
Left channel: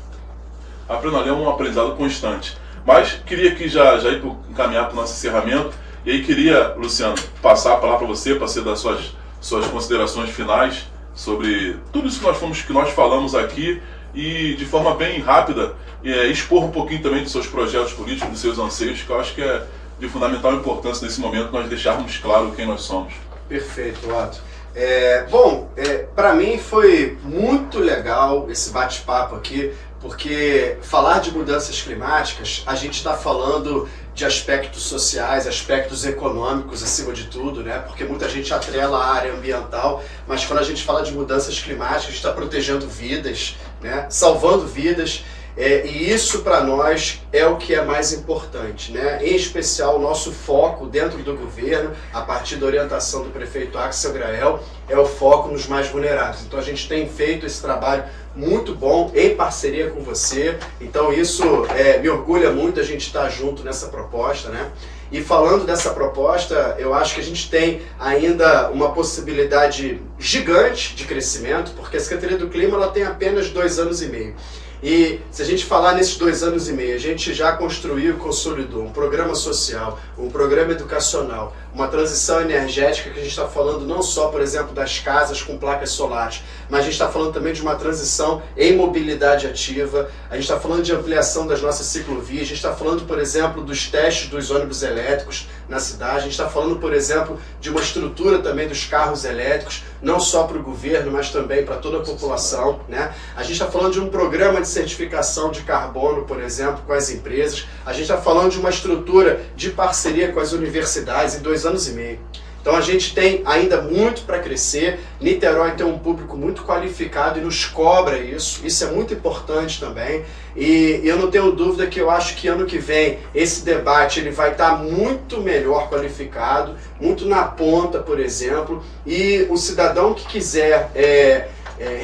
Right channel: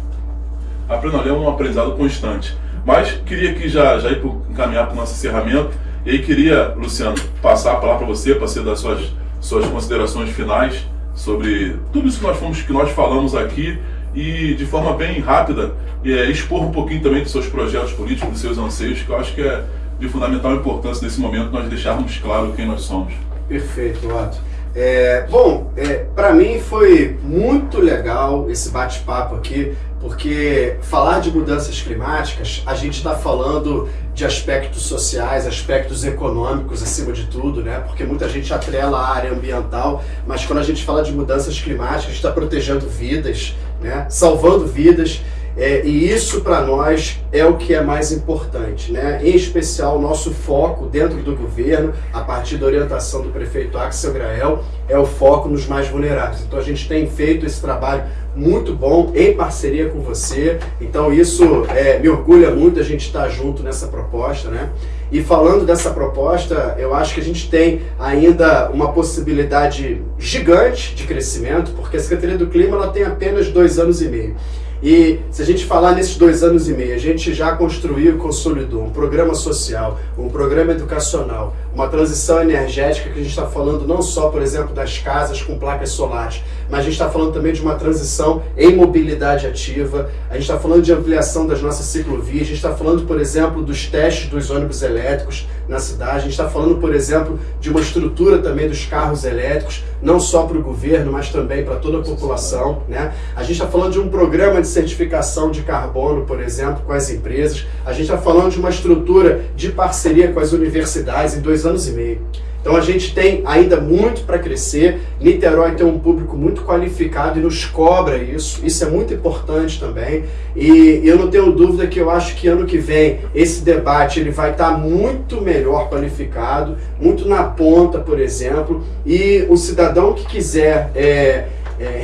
Aprendendo é um aprendizado constante. Mas queria aqui já ir encaminhar para o nosso encerramento. E aí queria, Luciano, passar a palavra para você, para ser das suas considerações finais sobre tudo isso que nós falamos aqui e de forma bem rápida expor um pouquinho também dos seus projetos políticos, dos seus anseios, que eu acho que é de fundamental importância nesse momento nós deixarmos claro quem nós somos. Perfeito, Otto. Para mim foi muito legal esse bate-papo aqui, porque falar de mudanças climáticas, a gente está falando de aspectos sociais, aspectos econômicos acima de tudo, né? Porque muita gente atrela a área ambiental, mas quando a gente fala de mudanças climáticas, a gente está protegendo vidas, né? Salvando vidas. E isso para nós é o que é mais importante, né? Em especial o nosso foco dentro do governo, a partir da orientação do prefeito Axel Grael, é o foco nos mais vulneráveis. Então a gente tem feito esse trabalho muito bom em parceria com você, então isso me orgulha muito a gente estar junto nessa proposta, né? E falando dessa proposta, eu acho que a gente tem ainda uma possibilidade gigante de crescimento, porque a Secretaria do Clima ela tem apenas 2 anos e meio. E se a gente falar nesses 2 anos e meio, a gente já construiu e consolidou um programa social, um programa educacional, uma transição energética que a gente está falando não só, por exemplo, das casas com placas solares, mas a gente está falando também de uma transição em mobilidade ativa, a gente está falando de ampliação das nossas ciclovias, a gente está falando, por exemplo, dos testes dos ônibus elétricos na cidade, a gente está falando, por exemplo, de uma estrutura também dos carros elétricos, não só para o governo, mas também para toda a população, né? A gente está falando de um programa de certificação de carbono, por exemplo, com as empresas, a gente está falando de uma estrutura de parceria com as universidades em 2 anos e meio. Então a gente tem ainda muito para crescer. Niterói tem um público muito qualificado e nos cobra isso. Isso é muito importante também. E eu não tenho dúvida que eu acho que ano que vem esse debate ele vai estar muito melhor qualificado, muito na ponta, por exemplo. E o cidadão que quiser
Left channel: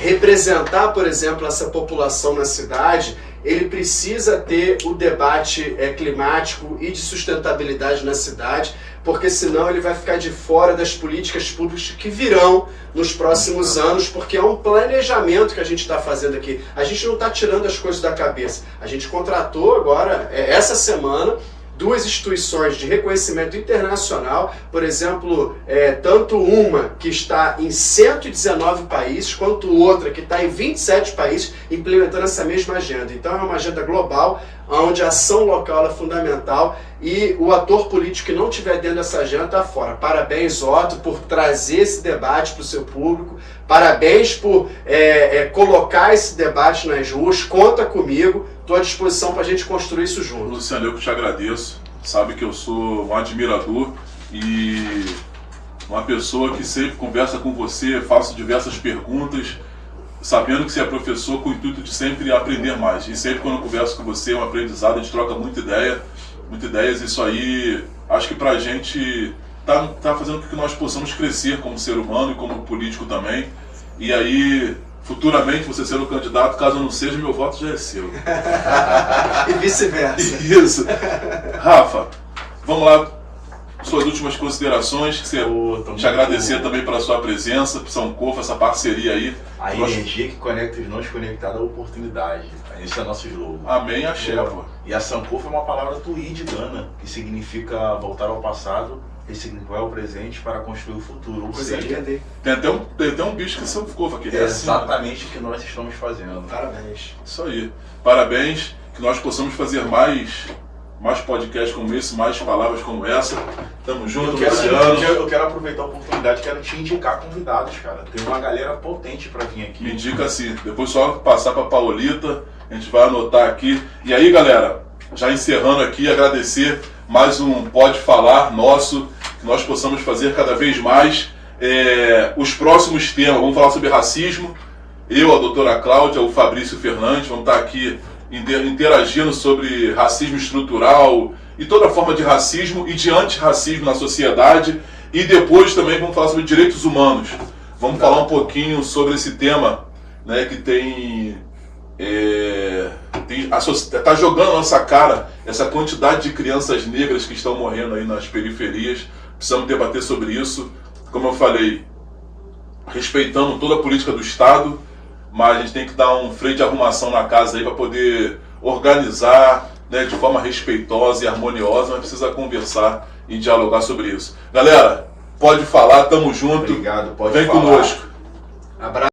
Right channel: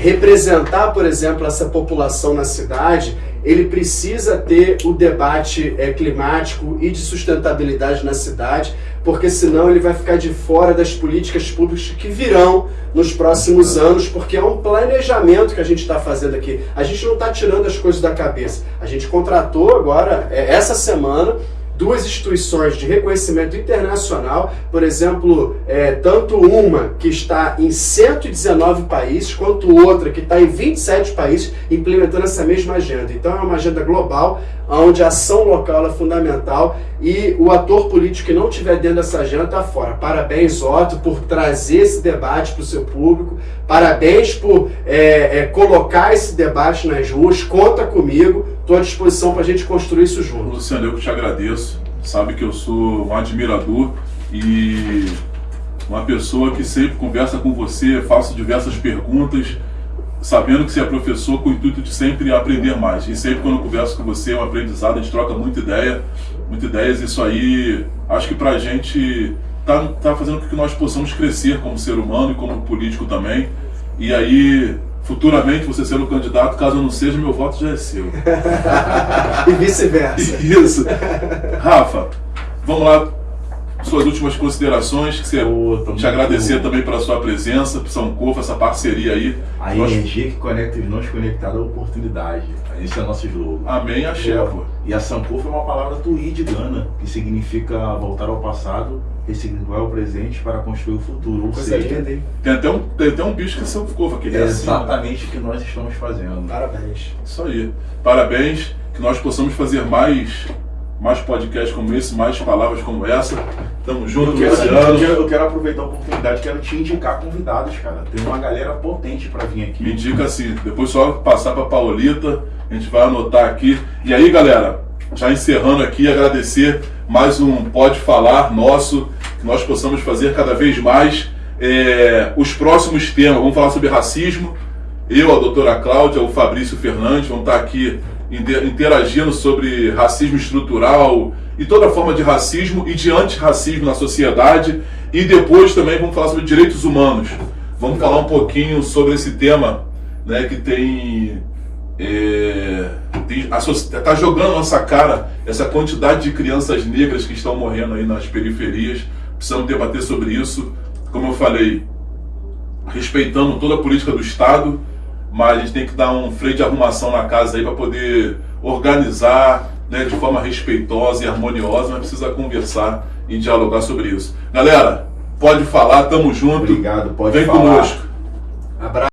representar, por exemplo, essa população na cidade, ele precisa ter o debate climático e de sustentabilidade na cidade, porque senão ele vai ficar de fora das políticas públicas que virão nos próximos anos, porque é um planejamento que a gente está fazendo aqui. A gente não está tirando as coisas da cabeça. A gente contratou agora, essa semana, 2 instituições de reconhecimento internacional, por exemplo, tanto uma que está em 119 países, quanto outra que está em 27 países, implementando essa mesma agenda. Então é uma agenda global, onde a ação local é fundamental e o ator político que não estiver dentro dessa agenda está fora. Parabéns, Otto, por trazer esse debate para o seu público, parabéns por colocar esse debate nas ruas, conta comigo, estou à disposição para a gente construir isso junto. Luciano, eu te agradeço, sabe que eu sou um admirador e uma pessoa que sempre conversa com você, faço diversas perguntas, sabendo que você é professor com o intuito de sempre aprender mais. E sempre quando eu converso com você é um aprendizado, a gente troca muita ideias. Isso aí, acho que pra gente tá fazendo com que nós possamos crescer como ser humano e como político também. E aí, futuramente, você sendo candidato, caso eu não seja, meu voto já é seu. E vice-versa. Isso. Rafa, vamos lá. Suas últimas considerações, que você te agradecer também pela sua presença, Sankofa, essa parceria aí. A energia que conecta os não conectados à oportunidade. Esse é o nosso slogan. Amém, axé, pô. E a Sankofa é uma palavra tuí de Gana, que significa voltar ao passado, ressignificar o presente para construir o futuro. Ou seja, tem até um bicho que é Sankofa, que é exatamente o que nós estamos fazendo. Parabéns. Isso aí. Parabéns, que nós possamos fazer mais podcasts como esse, mais palavras como essa. Tamo junto, Luciano. Eu quero aproveitar a oportunidade, quero te indicar convidados, cara. Tem uma galera potente pra vir aqui. Me indica assim, depois só passar pra Paulita, a gente vai anotar aqui. E aí, galera, já encerrando aqui, agradecer mais um Pode Falar nosso, que nós possamos fazer cada vez mais. Os próximos temas, vamos falar sobre racismo. Eu, a doutora Cláudia, o Fabrício Fernandes, vamos estar aqui interagindo sobre racismo estrutural e toda forma de racismo e de antirracismo na sociedade. E depois também vamos falar sobre direitos humanos. Vamos falar um pouquinho sobre esse tema, né, que está jogando na nossa cara essa quantidade de crianças negras que estão morrendo aí nas periferias. Precisamos debater sobre isso, como eu falei, respeitando toda a política do Estado, mas a gente tem que dar um freio de arrumação na casa aí para poder organizar, né, de forma respeitosa e harmoniosa. Mas precisa conversar e dialogar sobre isso. Galera, pode falar, tamo junto. Obrigado, pode Vem falar. conosco.